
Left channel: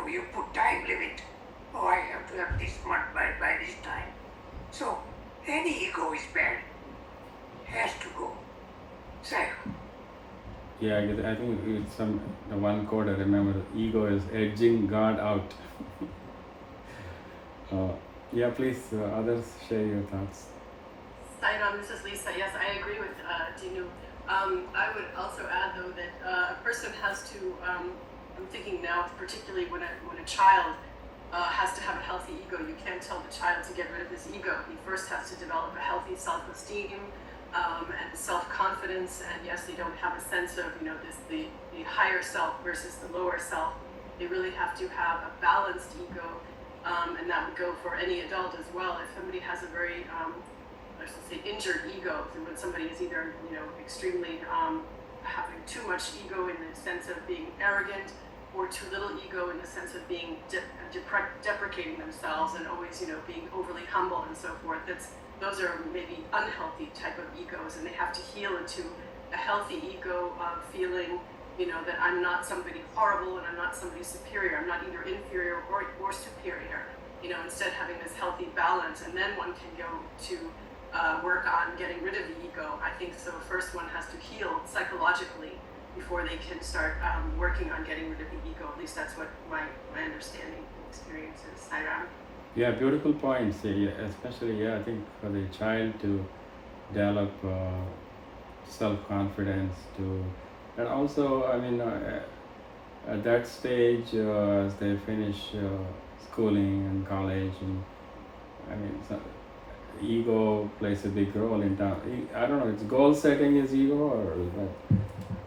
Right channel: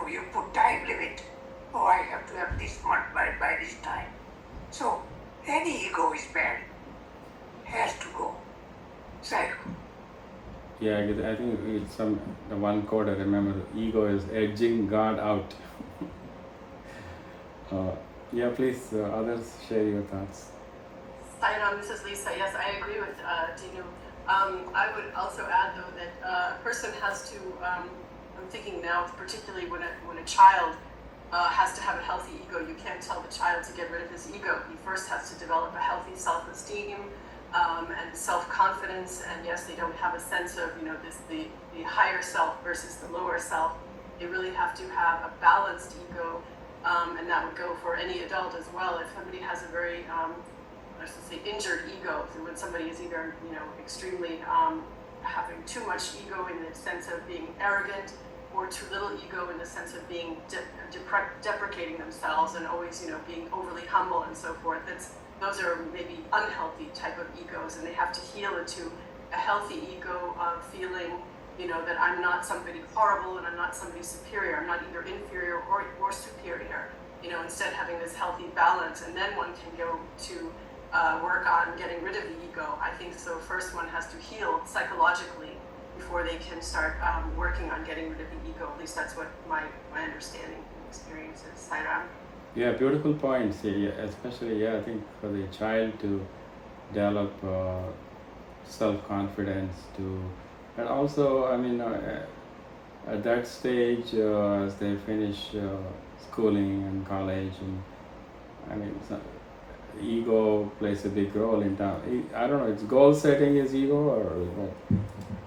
You put time limit. Oh, I have to have this month by this time. So, any ego is bad. Has to go. Psycho. Yeah, I think it's the one quote I remember. Ego is edging God out. Yeah, please, others share your thoughts. This is Lisa. Yes, I agree with Dinu. I would also add, though, that a person has to. I'm thinking now, particularly when a child has to have a healthy ego. You can't tell the child to get rid of his ego. He first has to develop a healthy self-esteem and self-confidence. And yes, they don't have a sense of the higher self versus the lower self. They really have to have a balanced ego, and that would go for any adult as well. If somebody has a very injured ego, so when somebody is either extremely having too much ego in the sense of being arrogant, or too little ego in the sense of being deprecating themselves and always being overly humble and so forth. Those are maybe unhealthy type of egos, and they have to heal into a healthy ego of feeling that I'm not somebody horrible and I'm not somebody superior. I'm not either inferior or superior. Instead having this healthy balance, and then one can go to work on getting rid of the ego. I think so. First, one has to heal psychologically before they can start working on getting rid of the ego. At least that's what my understanding and experience is. Sairam. Yeah, beautiful points. Yeah, especially, I think for the child to develop self-confidence, and also, at that stage, as they finish schooling and college, and ego plays a big role in that. I don't know. It's goal setting is ego,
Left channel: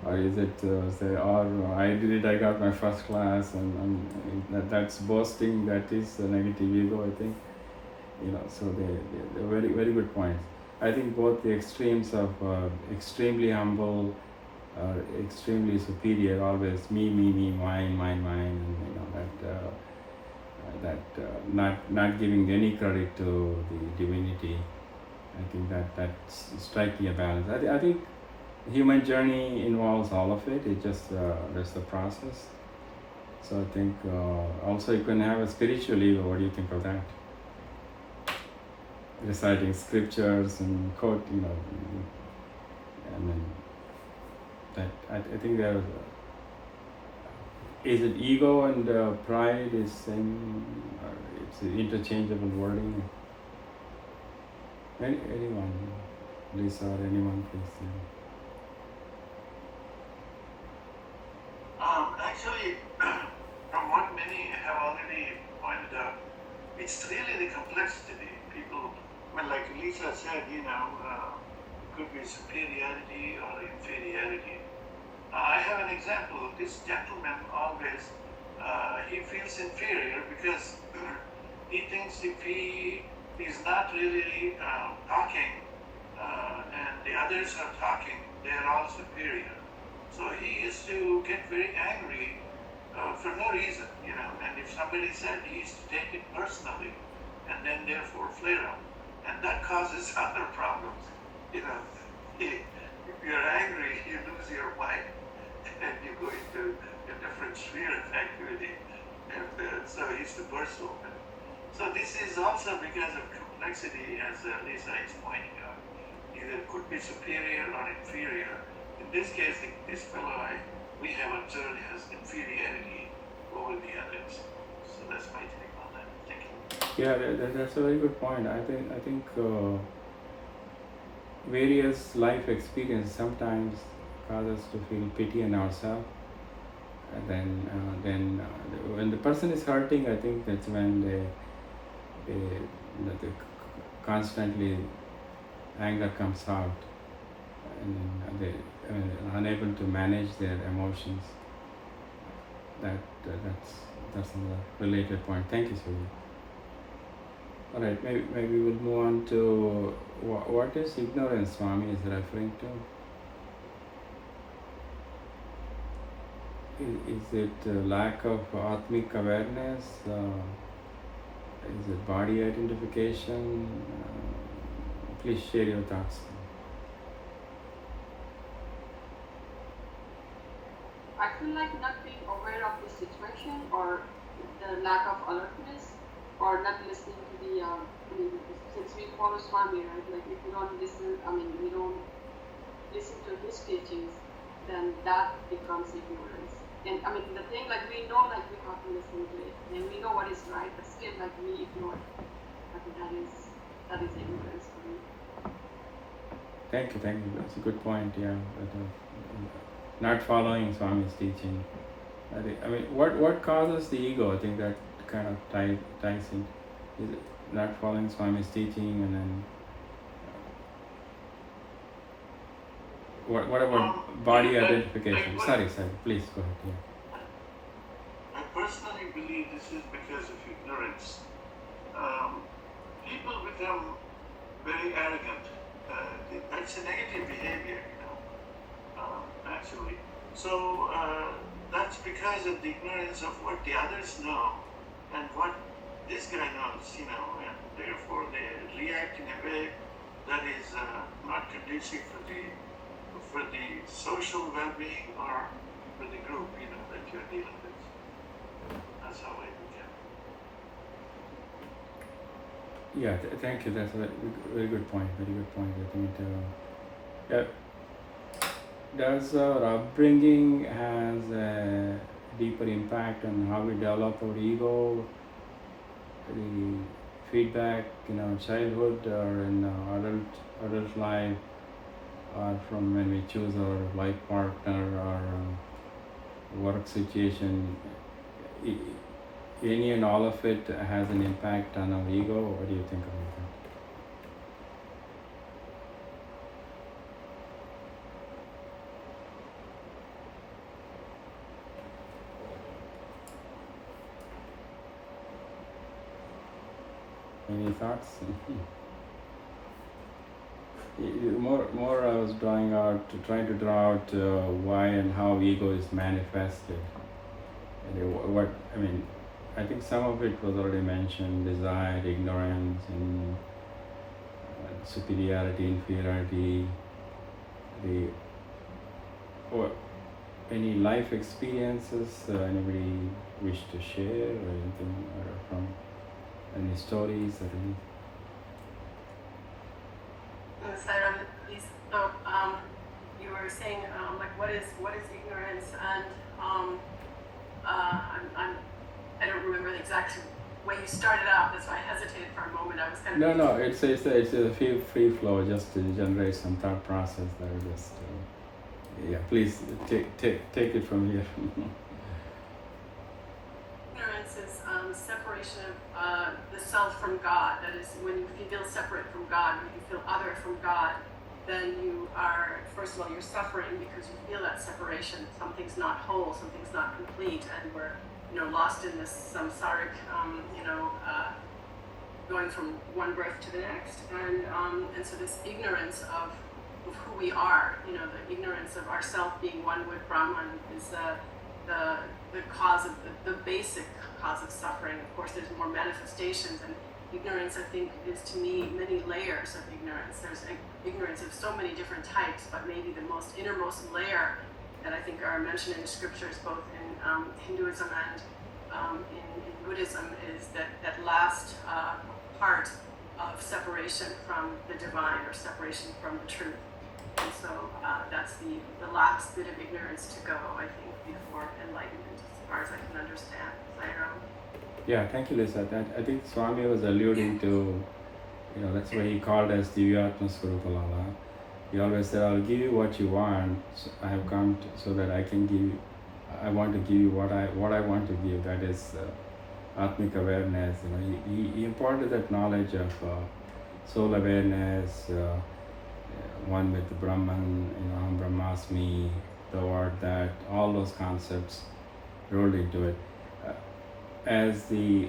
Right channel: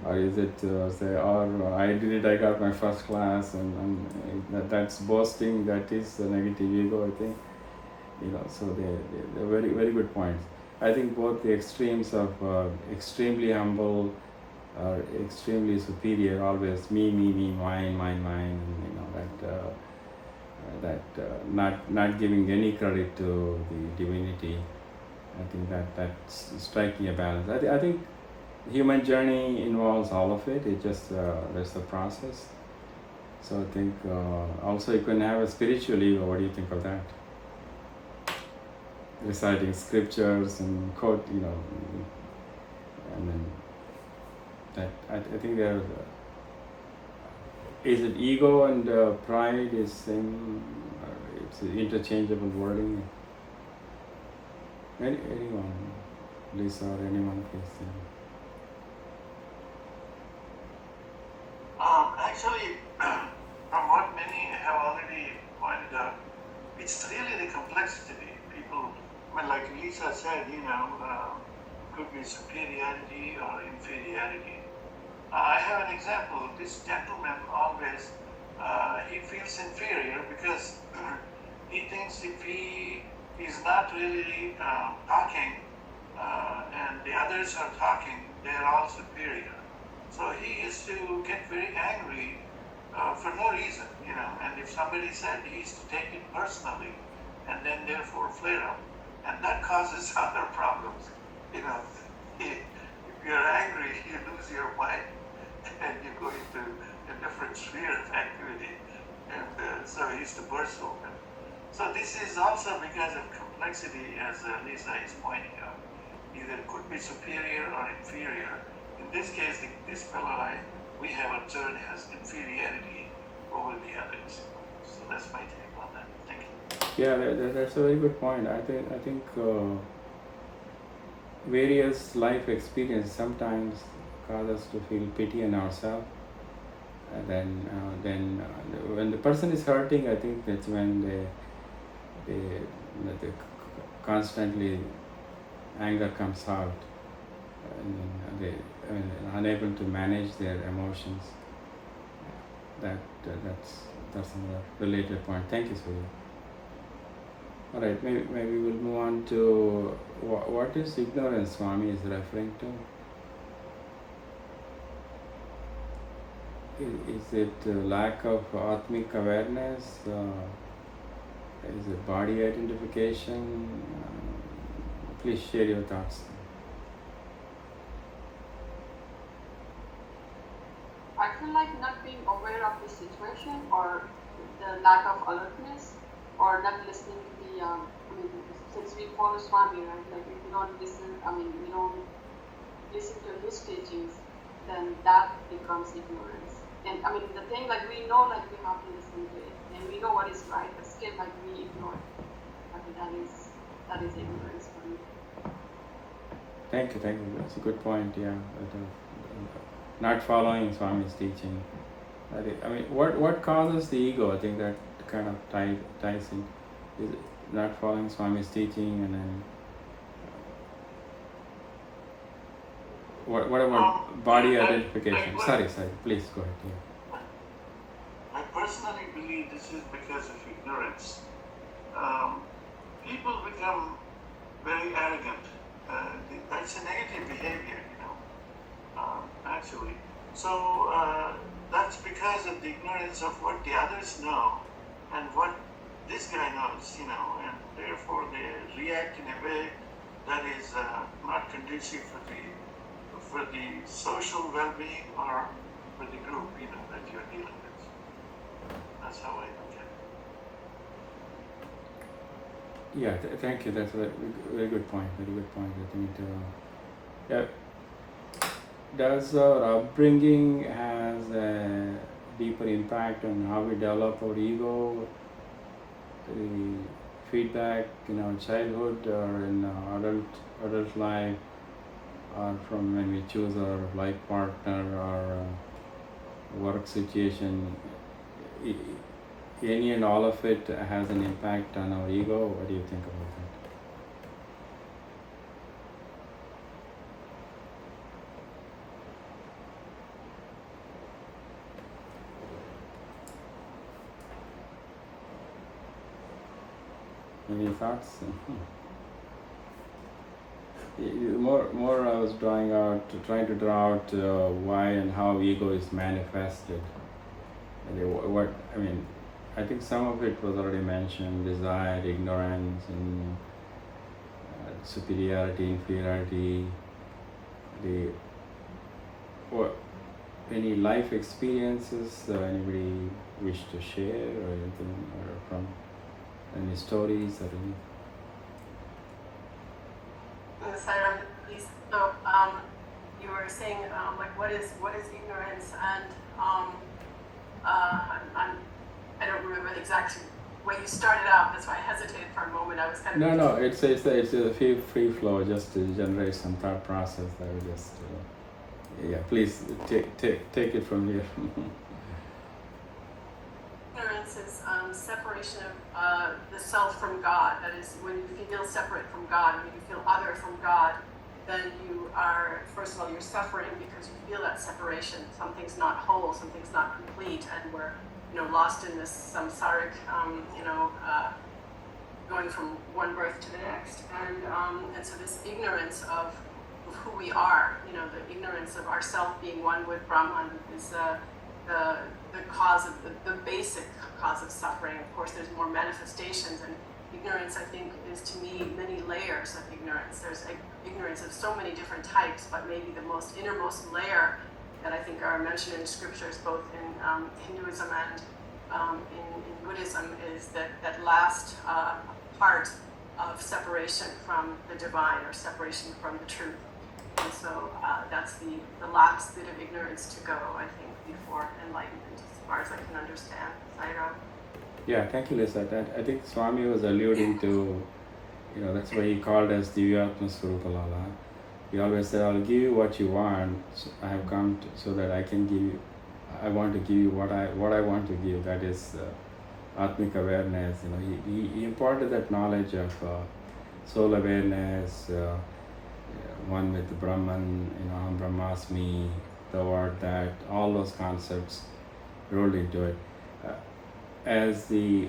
or is it say, or I did it, I got my first class, and that's boasting. That is a negative ego, I think. So they're very, very good points. I think both the extremes of extremely humble or extremely superior, always me, mine, and not giving any credit to the divinity. I think that's striking a balance. I think human journey involves all of it. It just that's the process. So I think also you can have a spiritual ego. What do you think of that? Reciting scriptures and quote, and then that I think there is it ego and pride is same, or it's interchangeable wording. Anyone, Lisa or anyone, please. Actually, from what many have already pointed out, it's really the complexity. People, like Lisa said, could be superiority or inferiority. I have an example. This gentleman always, he feels inferior because he thinks if he is not really talking and the others are talking, they are all superior. So he used to get very angry for no reason, and if somebody said, he used to take it personally and then therefore flare up. And that causes other problems. If you're angry, you lose your mind and you go into a different sphere of activity. And so he used to burst open. So this is also because of complexity, as Lisa is pointing out. Either it could be superior or inferior. In this case, this fellow we have observed has inferiority over the others. So that's my take on that. Thank you. Yeah, that's a very good point. I think various life experiences sometimes cause us to feel pity in ourselves, And then when the person is hurting, I think that's when they constantly anger comes out, and then they unable to manage their emotions. That's another related point. Thank you, Surya. All right, maybe we'll move on to what is ignorance Swami is referring to. Is it lack of atmic awareness? Is it body identification? Please share your thoughts. I feel like not being aware of the situation, or the lack of alertness, or not listening to the, since we follow Swami, right? Like if you don't listen, you don't listen to his teachings, then that becomes ignorance. And the thing, like we know, like we have to listen to it, and we know what is right, but still, like we ignore it. I think that is ignorance for me. Thank you. That's a good point. Yeah, not following Swami's teaching. What causes the ego? I think that kind of ties in. Is it not following Swami's teaching, and then what about body identification? Sorry, please go ahead. Yeah. I personally believe this is because of ignorance. People become very arrogant. That's a negative behavior, actually. So that's because of the ignorance of what the others know and what this guy knows, and therefore they react in a way that is not conducive for the social well-being or for the group, that you're dealing with. That's how I look at it. Yeah, thank you. That's a very good point. Very good point. I think does our upbringing has a deeper impact on how we develop our ego? The feedback in our childhood or in our adult life, or from when we choose our life partner or work situation, any and all of it has an impact on our ego. What do you think about that? Any thoughts? More I was trying to draw out why and how ego is manifested. I think some of it was already mentioned: desire, ignorance, and superiority, inferiority. Any life experiences anybody wish to share, or anything, or from any stories or any? Sairam, please. You were saying what is ignorance, and I don't remember the exact way you started out. That's why I hesitated for a moment. I was kind of No. It's a free flow, just to generate some thought process. That would just please take it from here. Ignorance is separation of the self from God. That is, when you feel separate from God, when you feel other from God, then you are, first of all, you're suffering because you feel that separation. Something's not whole, something's not complete, and we're lost in this samsaric, going from one birth to the next, and so this ignorance of who we are, the ignorance of ourself being one with Brahman is the cause of the basic cause of suffering. Of course, there's more manifestations, and ignorance, I think, is to me many layers of ignorance. There's ignorance of so many different types, but maybe the most innermost layer that I think are mentioned in the scriptures, both in Hinduism and in Buddhism, is that last part of separation from the divine, or separation from the truth. And so that's the last bit of ignorance to go, I think, before enlightenment, as far as I can understand. Sairam. Yeah, thank you, Lisa. I think Swami was alluding to, that's why he called us Divyatma Swarupalala. He always said, I'll give you what you want. So I have come so that I can I want to give you what I want to give. That is Atmic awareness. He imparted that knowledge of soul awareness, one with Brahman, Aham Brahmasmi, the word that, all those concepts rolled into it. As the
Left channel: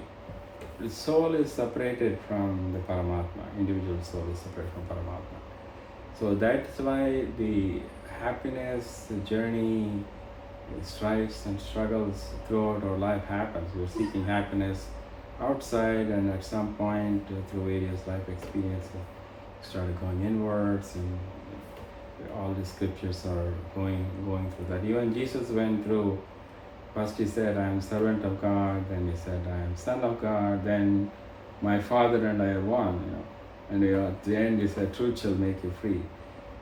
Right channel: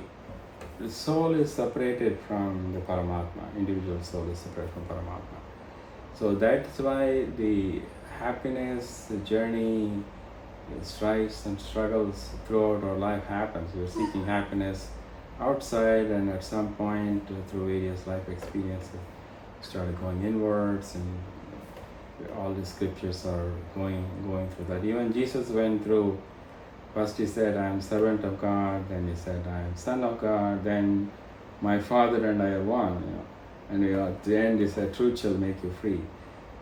soul is separated from the Paramatma, individual soul is separated from Paramatma. So that's why the happiness, the journey, strifes and struggles throughout our life happens. We're seeking happiness outside, and at some point through various life experiences started going inwards, and all the scriptures are going through that. Even Jesus went through, first he said, I am servant of God, then he said, I am son of God, then my Father and I are one, and at the end he said, truth shall make you free.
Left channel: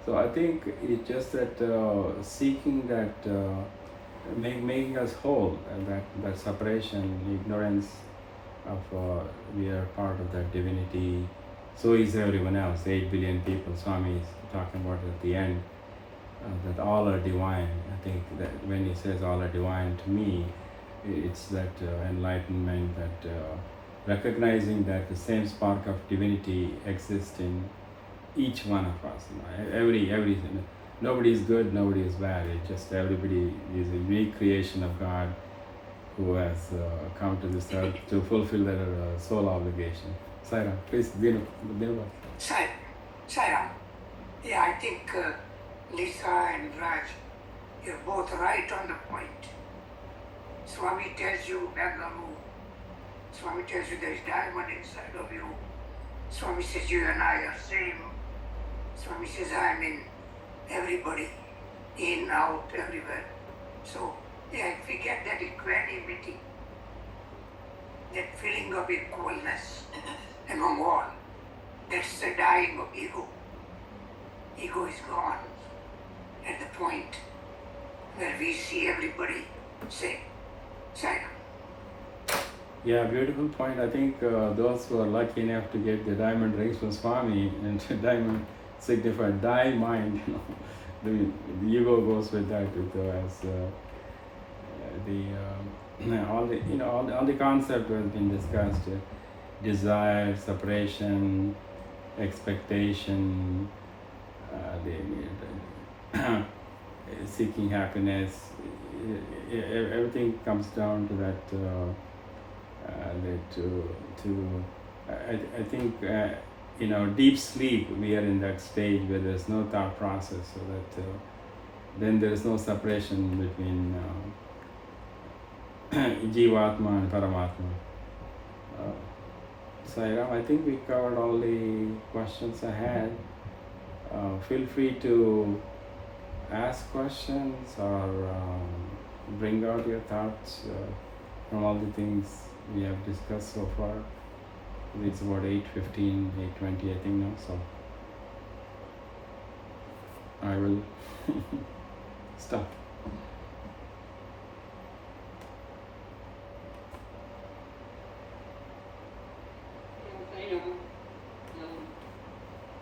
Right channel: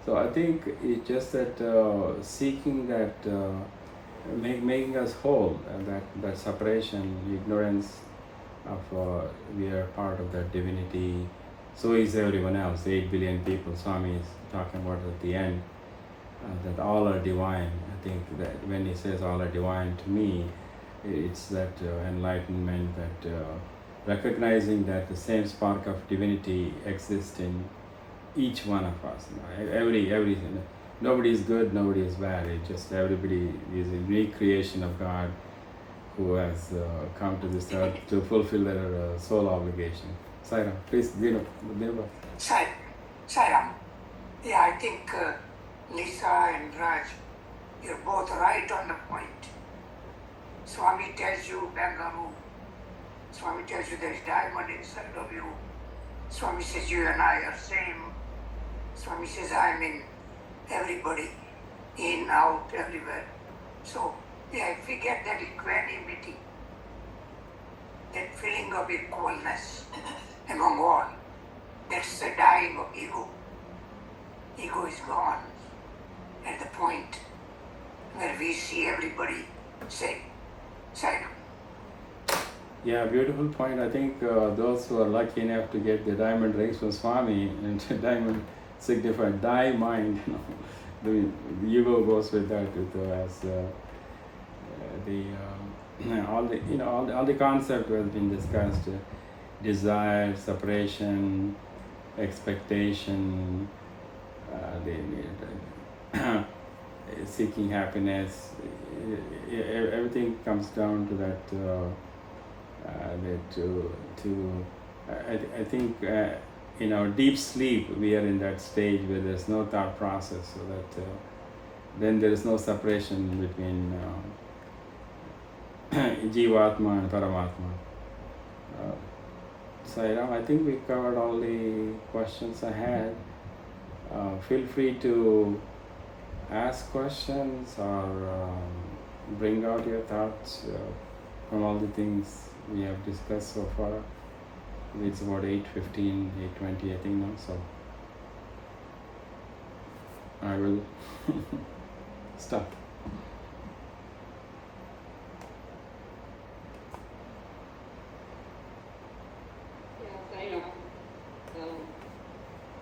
So I think it's just that seeking that, making us whole, and that separation, the ignorance of we are part of that divinity, so is everyone else, 8 billion people. Swami is talking about at the end, that all are divine. I think that when he says all are divine, to me, it's that enlightenment, that recognizing that the same spark of divinity exists in each one of us. Everything. Nobody is good, nobody is bad. It's just everybody is a unique creation of God who has come to this earth to fulfill their soul obligation. Sairam, please, Dinu. Sairam. Yeah, I think Lisa and Raj, you're both right on the point. Swami tells you Bangalore. Swami tells you there's diamond inside of you. Swami says you and I are same. Swami says I am in everybody, in, out, everywhere. So, yeah, if we get that equanimity, that feeling of equalness among all, that's the dying of ego. Ego is gone at the point where we see everybody same. Sairam. Yeah, beautiful point. I think those who are lucky enough to get the diamond rings from Swami, and diamond signified die mind, the ego goes with that, all the concept has been discussed, desire, separation, expectation, seeking happiness, everything comes down to that. I think in our deep sleep we are in that stage where there's no thought process, so that then there is no separation between Jivatma and Paramatma. Sairam, I think we covered all the questions I had. Feel free to ask questions or bring out your thoughts from all the things we have discussed so far. It's about 8:15, 8:20 I think now, so I will stop.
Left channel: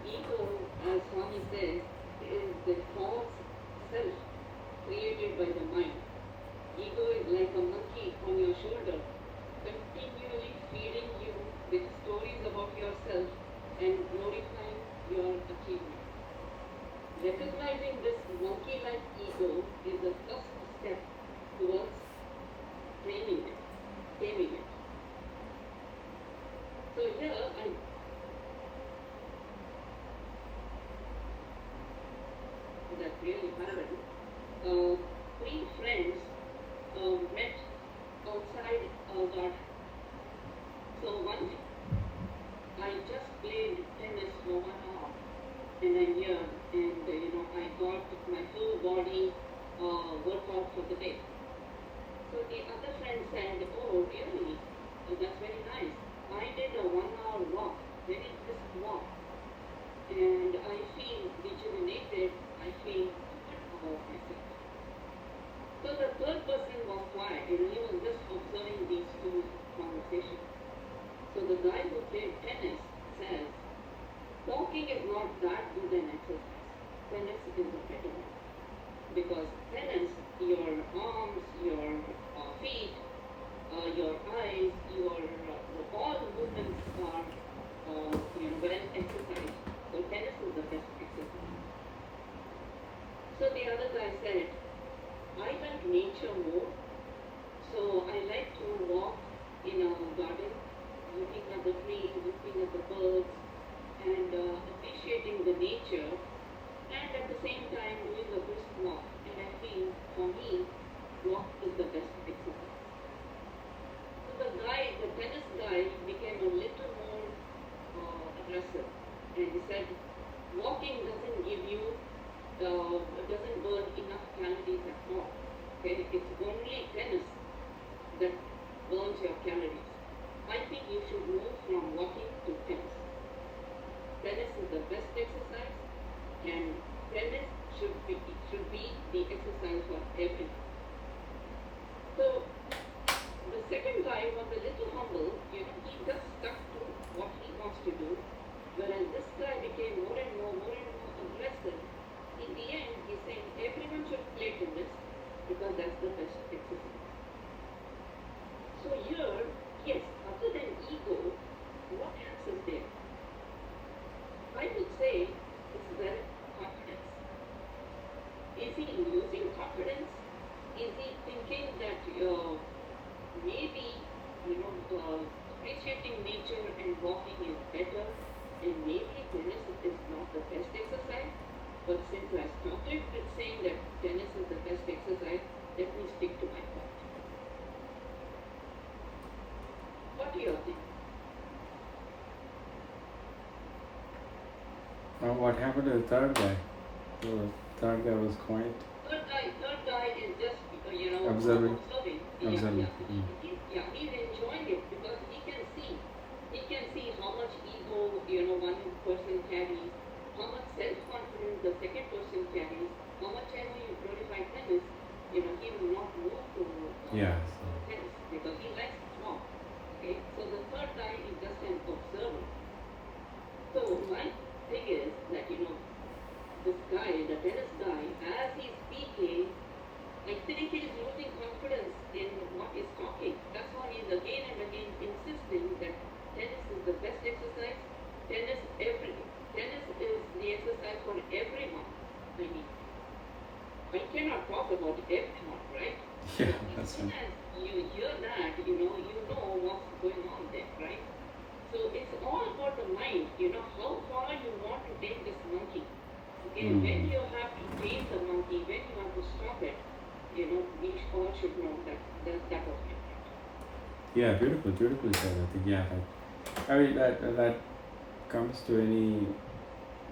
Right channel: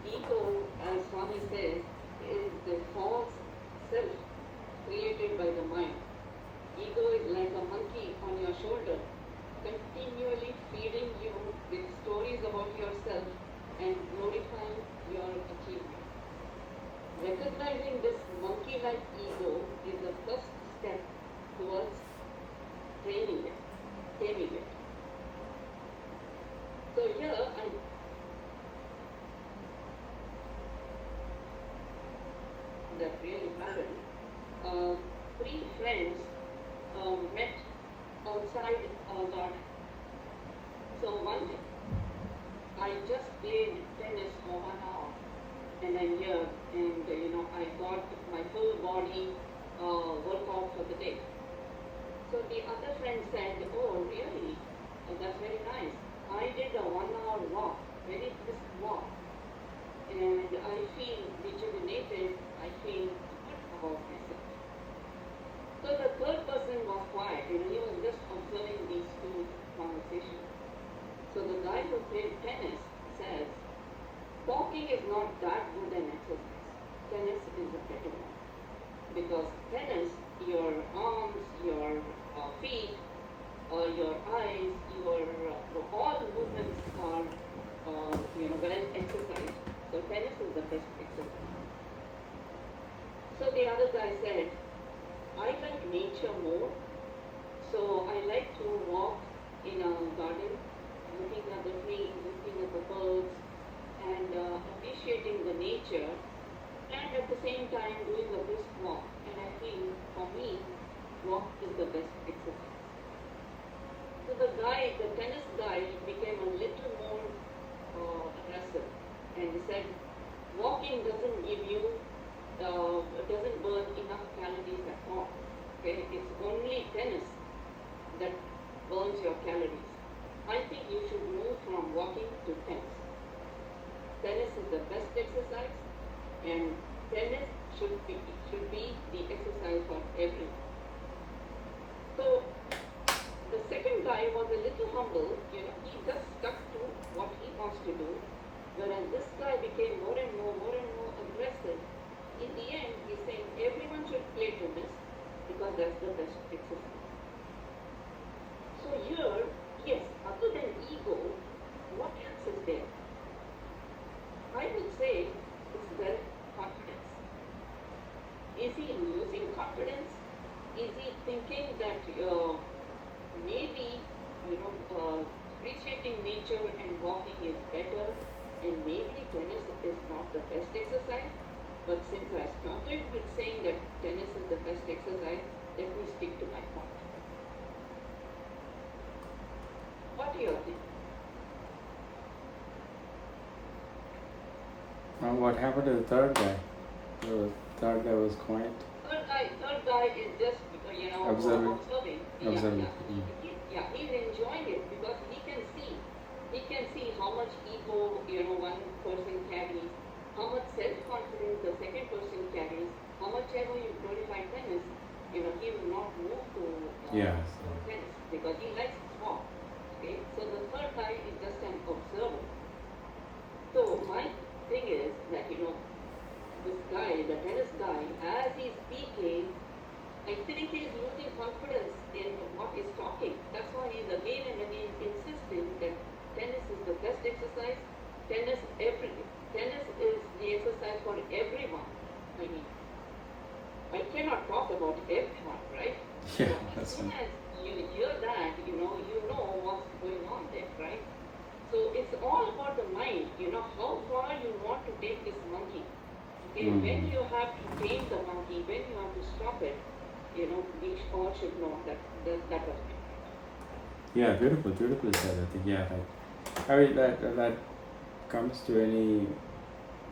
Ego, as Swami says, is the false self created by the mind. Ego is like a monkey on your shoulder, continually feeding you with stories about yourself and glorifying your achievements. Recognizing this monkey-like ego is the first your eyes, all the movements are well exercised. So tennis is the best exercise. So the other guy said, I like nature more. So I like to walk in a garden, looking at the trees, looking at the birds, and appreciating the nature, and at the same time doing a brisk walk. And I think for me, walk is the best exercise. So the tennis guy became a little more aggressive, and he said, walking doesn't give you, doesn't burn enough calories at all. Okay, it's only tennis that burns your calories. I think you should move from walking to tennis. Tennis is the best exercise, and tennis should be the exercise for everyone. So the second guy was a little humble, he just stuck to what he wants to do, whereas this guy became more and more aggressive. In the end, he's saying everyone should play tennis because that's the best exercise. So here, yes, other than ego, what else is there? I would say is there confidence. Is he losing confidence? Is he thinking that maybe appreciating nature and walking is better, and maybe tennis is not the best exercise? But since I started with saying that tennis is the best exercise, let me stick to my point. What do you think? Now, what happened to the third guy? The third guy was quiet. Third guy is just Observing. observing. Observing. He's enjoying it because he can see how much ego one person carries, how much self-confidence the second person carries, how much ever you glorify tennis, he will not move to tennis because he likes to walk. Okay, so the third guy is just an observer. So my thing is that this guy, the tennis guy, as he's speaking, I think he's losing confidence in what he's talking. That's why he's again and again insisting that tennis is the best exercise. Tennis is the exercise for everyone. I mean, I cannot talk about everyone, right? Yeah, So that's as soon right. as you hear that, you know what's going on there, right? So it's all about the mind, how far you want to take this monkey. Okay, when you have to tame the monkey, when you have to stop it, we all should know that was my point. Yeah, beautifully said. I think I mean that comes to any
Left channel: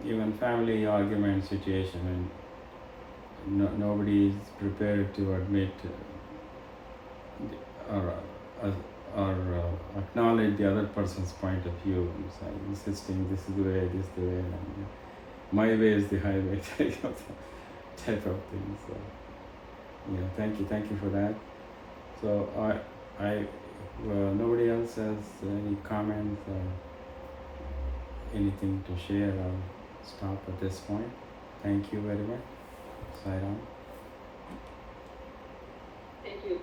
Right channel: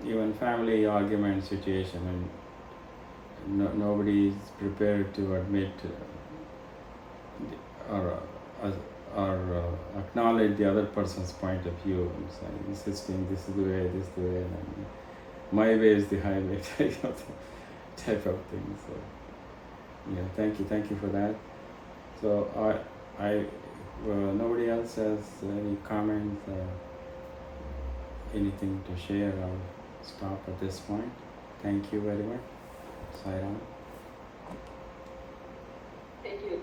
even family argument situation, and nobody is prepared to admit or acknowledge the other person's point of view. And saying, insisting this is the way, and my way is the highway, type of thing. So thank you for that. So nobody else has any comments or anything to share. I'll stop at this point. Thank you very much. Sign on. Thank you,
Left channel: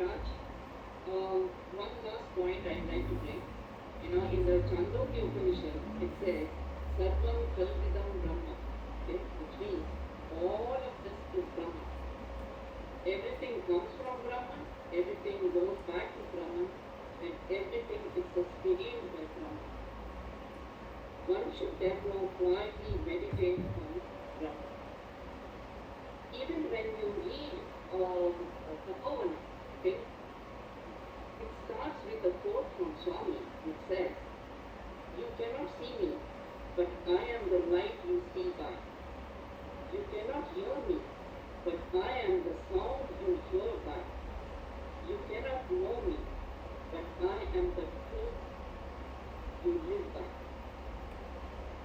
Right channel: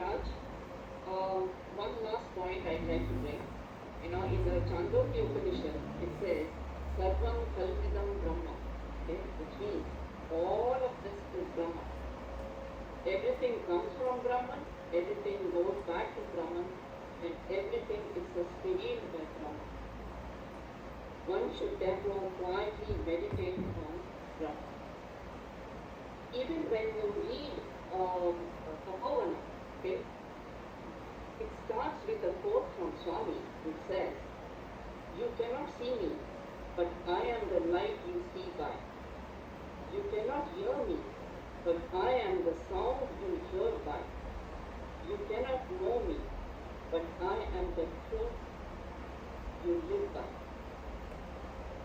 Raj. One last point I'd like to make. In the Chandogya Upanishad, it says, Sarvam Kalvidam Brahma, okay? Which means all of this is Brahma. Everything comes from Brahman, everything goes back to Brahman, and everything is sustained by Brahman. One should therefore quietly meditate on Brahman. Even when you read Brotheroneness, okay, it starts with a quote from Swami which says, "You cannot see me, but I am the light you see by. You cannot hear me, but I am the sound you hear by. You cannot know me, but I am the truth you live by."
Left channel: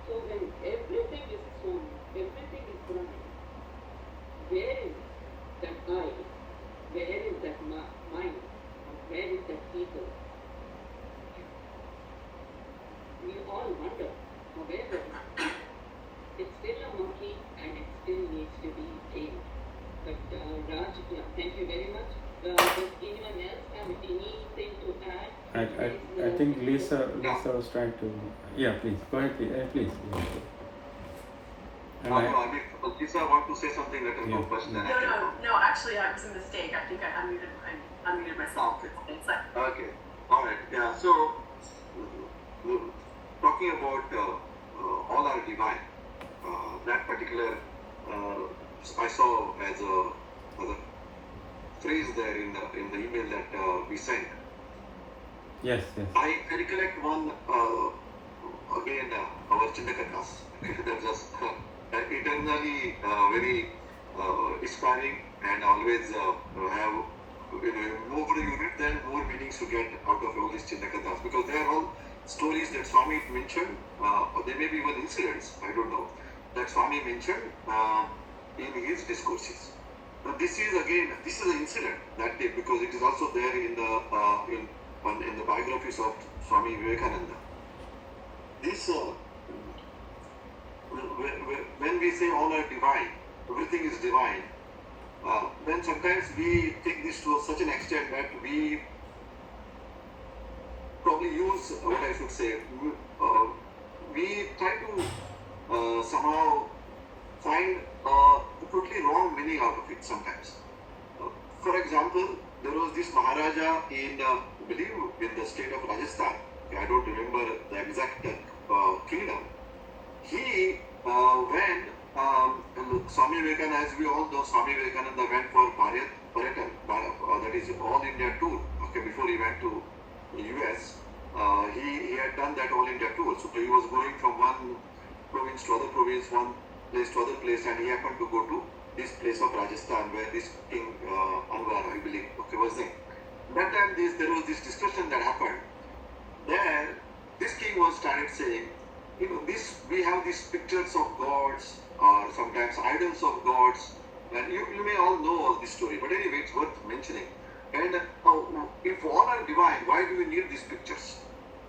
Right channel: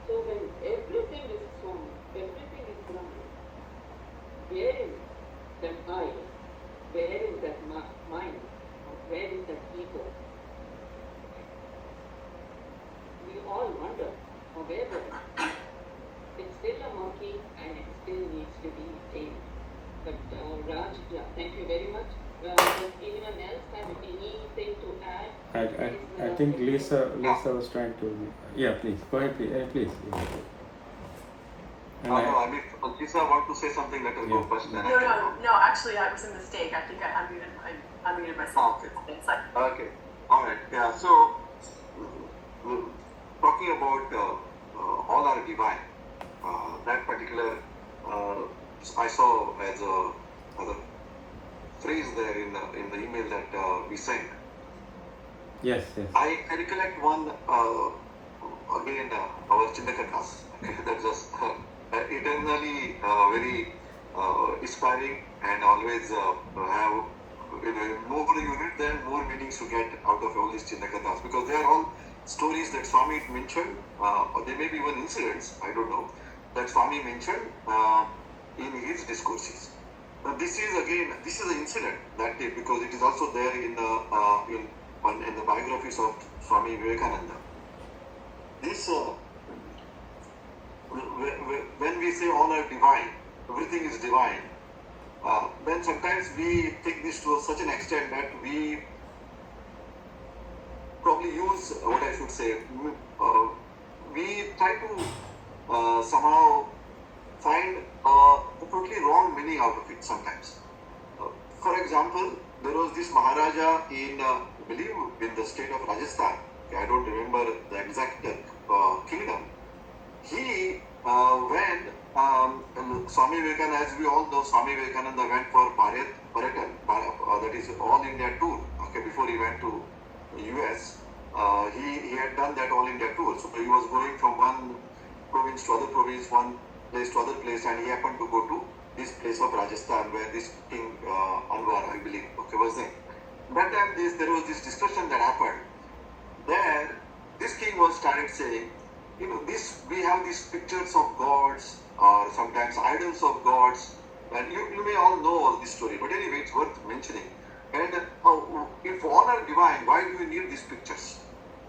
So when everything is Swami, everything is Brahman, where is that I? Where is that mind? Or where is that ego? We all wonder, however, it's still a monkey and it still needs to be tamed. But Raj, thank you very much. Does anyone else have any I think Lisa was trying to. Yeah, please go ahead, please. Yeah. And I mean, Lisa want to say something. Let her go first. Yeah. No. Actually, I was a mistake. I think I unmuted myself. It's like, Okay. All right. Yeah. So, talking about all are divine. That particular I saw as a phrase there in the email that we sent. Yes. I recollect one again our Chindaka class. That just eternally very inspiring and always have more you read then more meanings to get out of all these Chindaka because they are all stories that Swami mentioned or they may be even incidents, I don't know, that Swami mentioned in his discourses. But this is an incident that day because it is also there in the biographies of Swami Vivekananda. This when we say all are divine, everything is divine, then sometimes we take this to such an extent that we probably use what I should say. We try to somehow find a totally wrong meaning out of it sometimes. For example, there was this Maharaja in, I believe, in the state of Rajasthan. I don't remember the exact kingdom. He went, Swami Vivekananda, as we all know, Swami Vivekananda went for Paratan, that is All India tour. Okay, before he went to US, he had done that All India tour. So he was going from one province to other province, one place to other place, and he happened to go to this place of Rajasthan where this king Anwar, I believe, was there. That time there was this discussion that happened. There, this king was started saying, we have these pictures of gods or sometimes idols of gods, and you may all know all this story, but anyway, it's worth mentioning. And if all are divine, why do we need these pictures?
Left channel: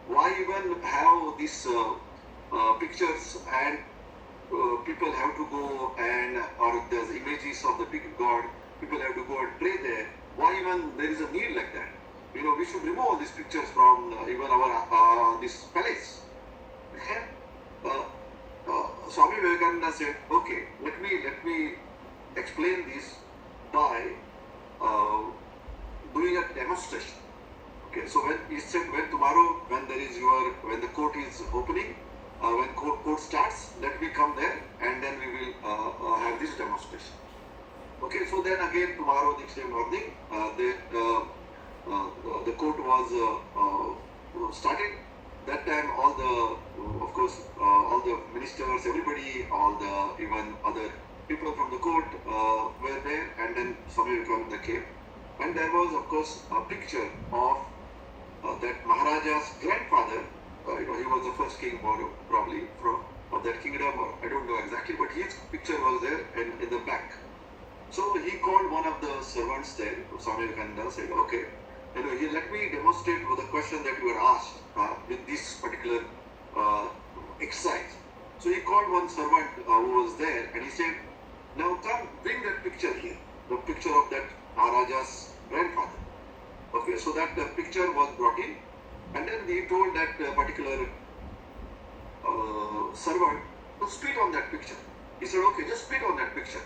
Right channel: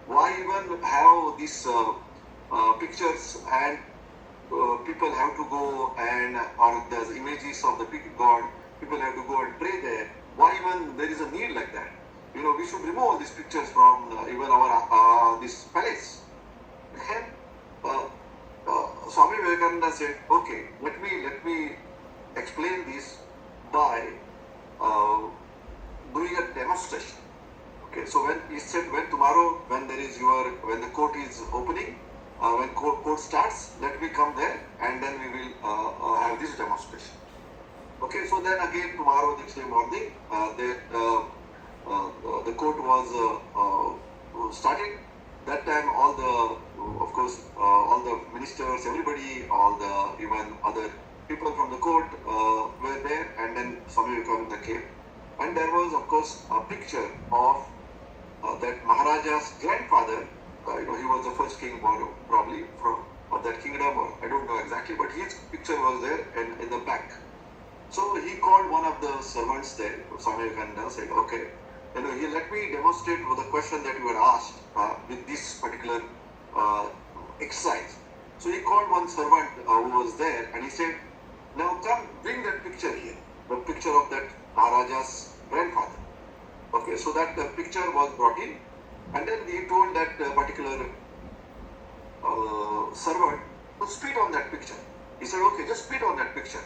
Why even have these pictures and people have to go and, or there's images of the big god, people have to go and pray there. Why even there is a need like that? We should remove all these pictures from even our this palace. And Swami Vivekananda said, okay, let me explain this by doing a demonstration. Okay, so when he said, when the court is opening, when court starts, let me come there and then we will have this demonstration. Okay, so then again tomorrow, next day morning, the court was started. That time all the ministers, everybody, even other people from the court were there, and then Swami Vivekananda came. And there was, of course, a picture of that Maharaja's grandfather. He was the first king probably of that kingdom, or I don't know exactly, but his picture was there and in the back. So he called one of the servants there, Swami Vivekananda, said, okay, let me demonstrate the question that you had asked with this particular exercise. So he called one servant who was there and he said, now come, bring that picture here, the picture of that Maharaja's grandfather. Okay, so that picture was brought in, and then he told that particular servant to spit on that picture. He said, okay, just spit on that picture.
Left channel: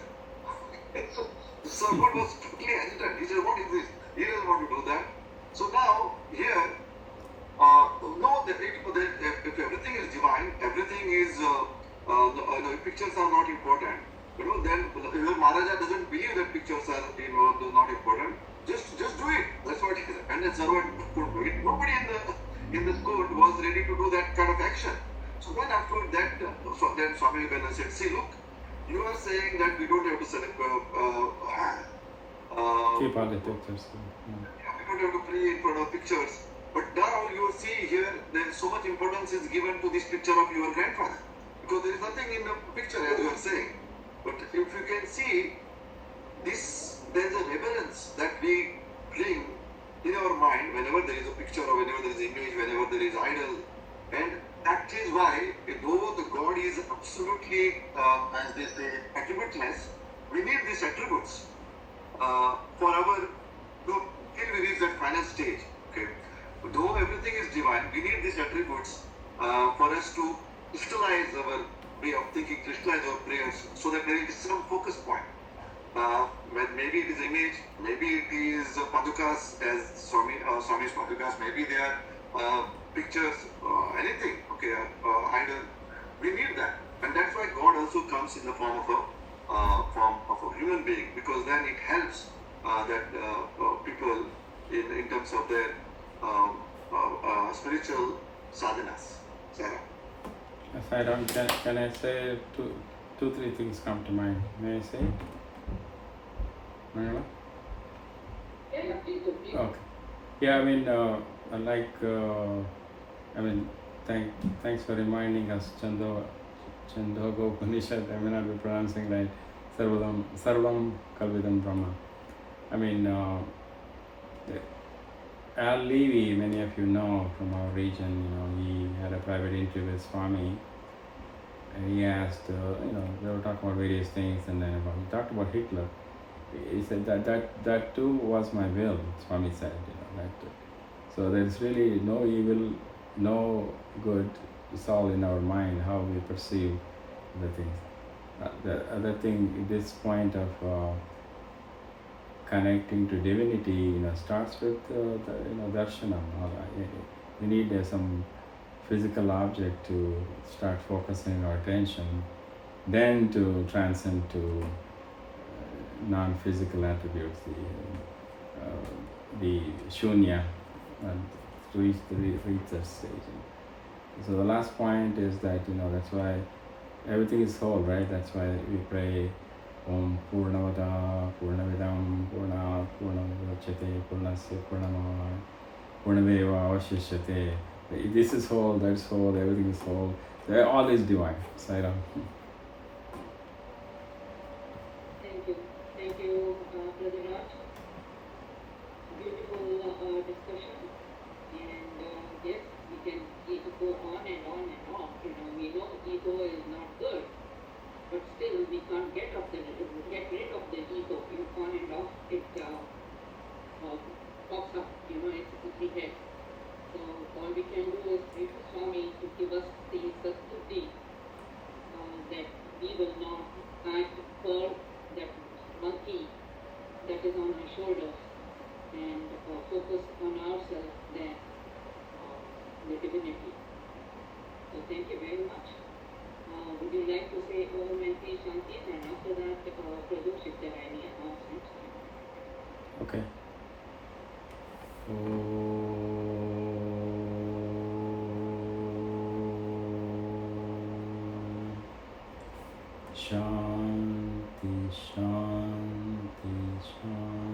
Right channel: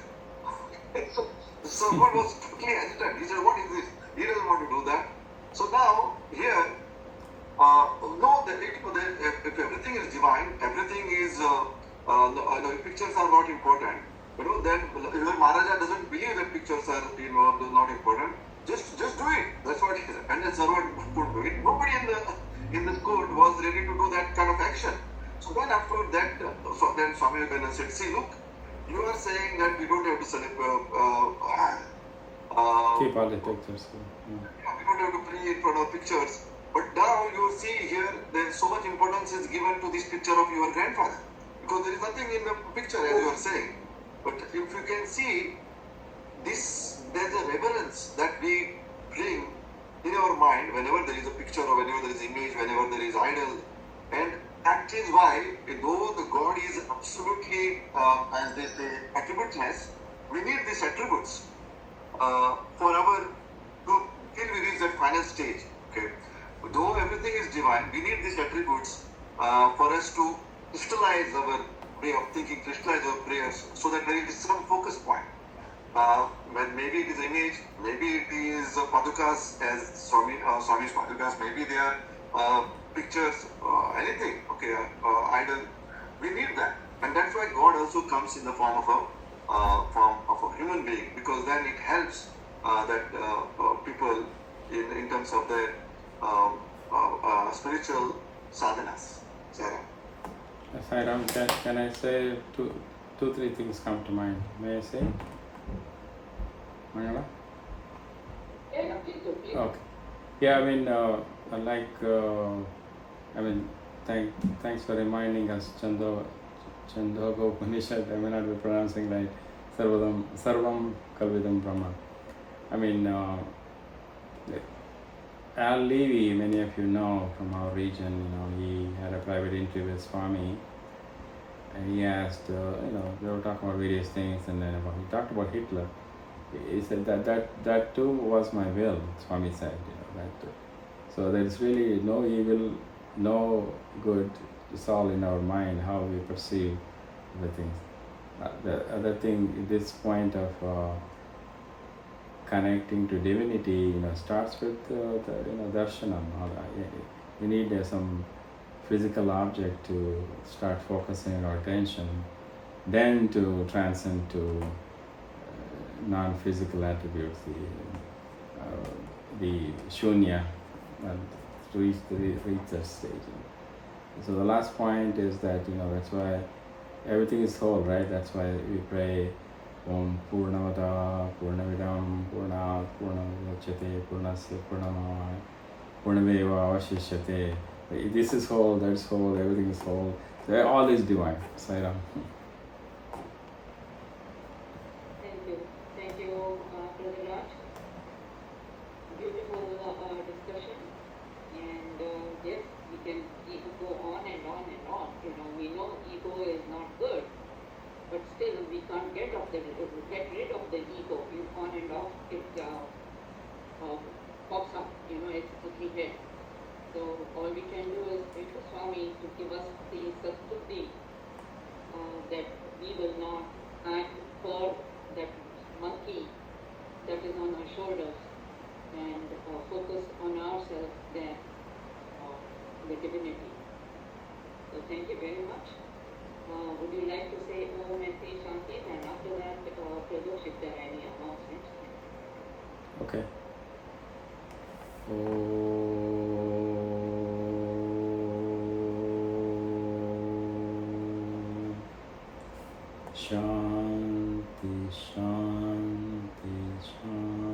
So the servant was totally agitated. He said, what is this? He doesn't want to do that. So now here, if everything is divine, everything is, pictures are not important. Then if Maharaja doesn't believe that pictures are, not important, just do it. That's what he said. And the servant could do it. Nobody in the court was ready to do that kind of action. So then after that, then Swami Vivekananda said, see, look, you are saying that we don't have to select, keep all the pictures. we don't have to pray in front of pictures. But now you see here, then so much importance is given to this picture of your grandfather. Because there is nothing in the picture, as you are saying. But if you can see, there's a reverence that we bring in our mind whenever there is a picture or whenever there is image, whenever there is idol. And that is why, though the God is absolutely, as they say, attributeless, we need these attributes till we reach that final stage. Okay, though everything everything is divine. We need these attributes for us to crystallize our way of thinking, crystallize our prayers, so that there is some focus point. When maybe it is image, maybe it is padukas as Swami's padukas, maybe they are pictures, anything, okay, idol. We need that, and that's why God also comes in the form of a human being, because then it helps that people in terms of their spiritual sadhanas. Sarah. Sairam, can I say two, three things come to mind? May I say? Mangala? Yeah, please do, please. Okay. Yeah, thanks for reminding us, Chandogya Upanishad. I may not be pronouncing right. Sarvam Kalvidam Brahma. Al Levy, many of you know from our region, he had a private interview with Swami, and he asked, they were talking about various things, and then he talked about Hitler. He said that too was my will, Swami said, that too. So there's really no evil, no good. It's all in our mind, how we perceive the things. The other thing, this point of connecting to divinity, starts with darshanam. We need some physical object to start focusing our attention, then to transcend to non-physical attributes, the shunya, and reach that stage. So the last point is that that's why everything is whole, right? That's why we pray Om Purnamada Purnamidam Purnat Purnamudachyate Purnasya Purnamaya Purnameva Avashishyate. This is whole, that's whole, everything is whole. All is divine. Sairam. Thank you, Brother Raj. Beautiful discussion, and yes, we can go on and on and on. We know ego is not good, but still we can't get rid of the ego. On and off, it pops up. It's everywhere. So all we can do is pray to Swami to give us the subtlety that we will not act for that monkey that is on our shoulders, and focus on ourselves than the divinity. So thank you very much. Would you like to say Om and Say Shanti, and after that, Prabhu, if there are any announcements? Okay. Shanti, Shanti, Shanti.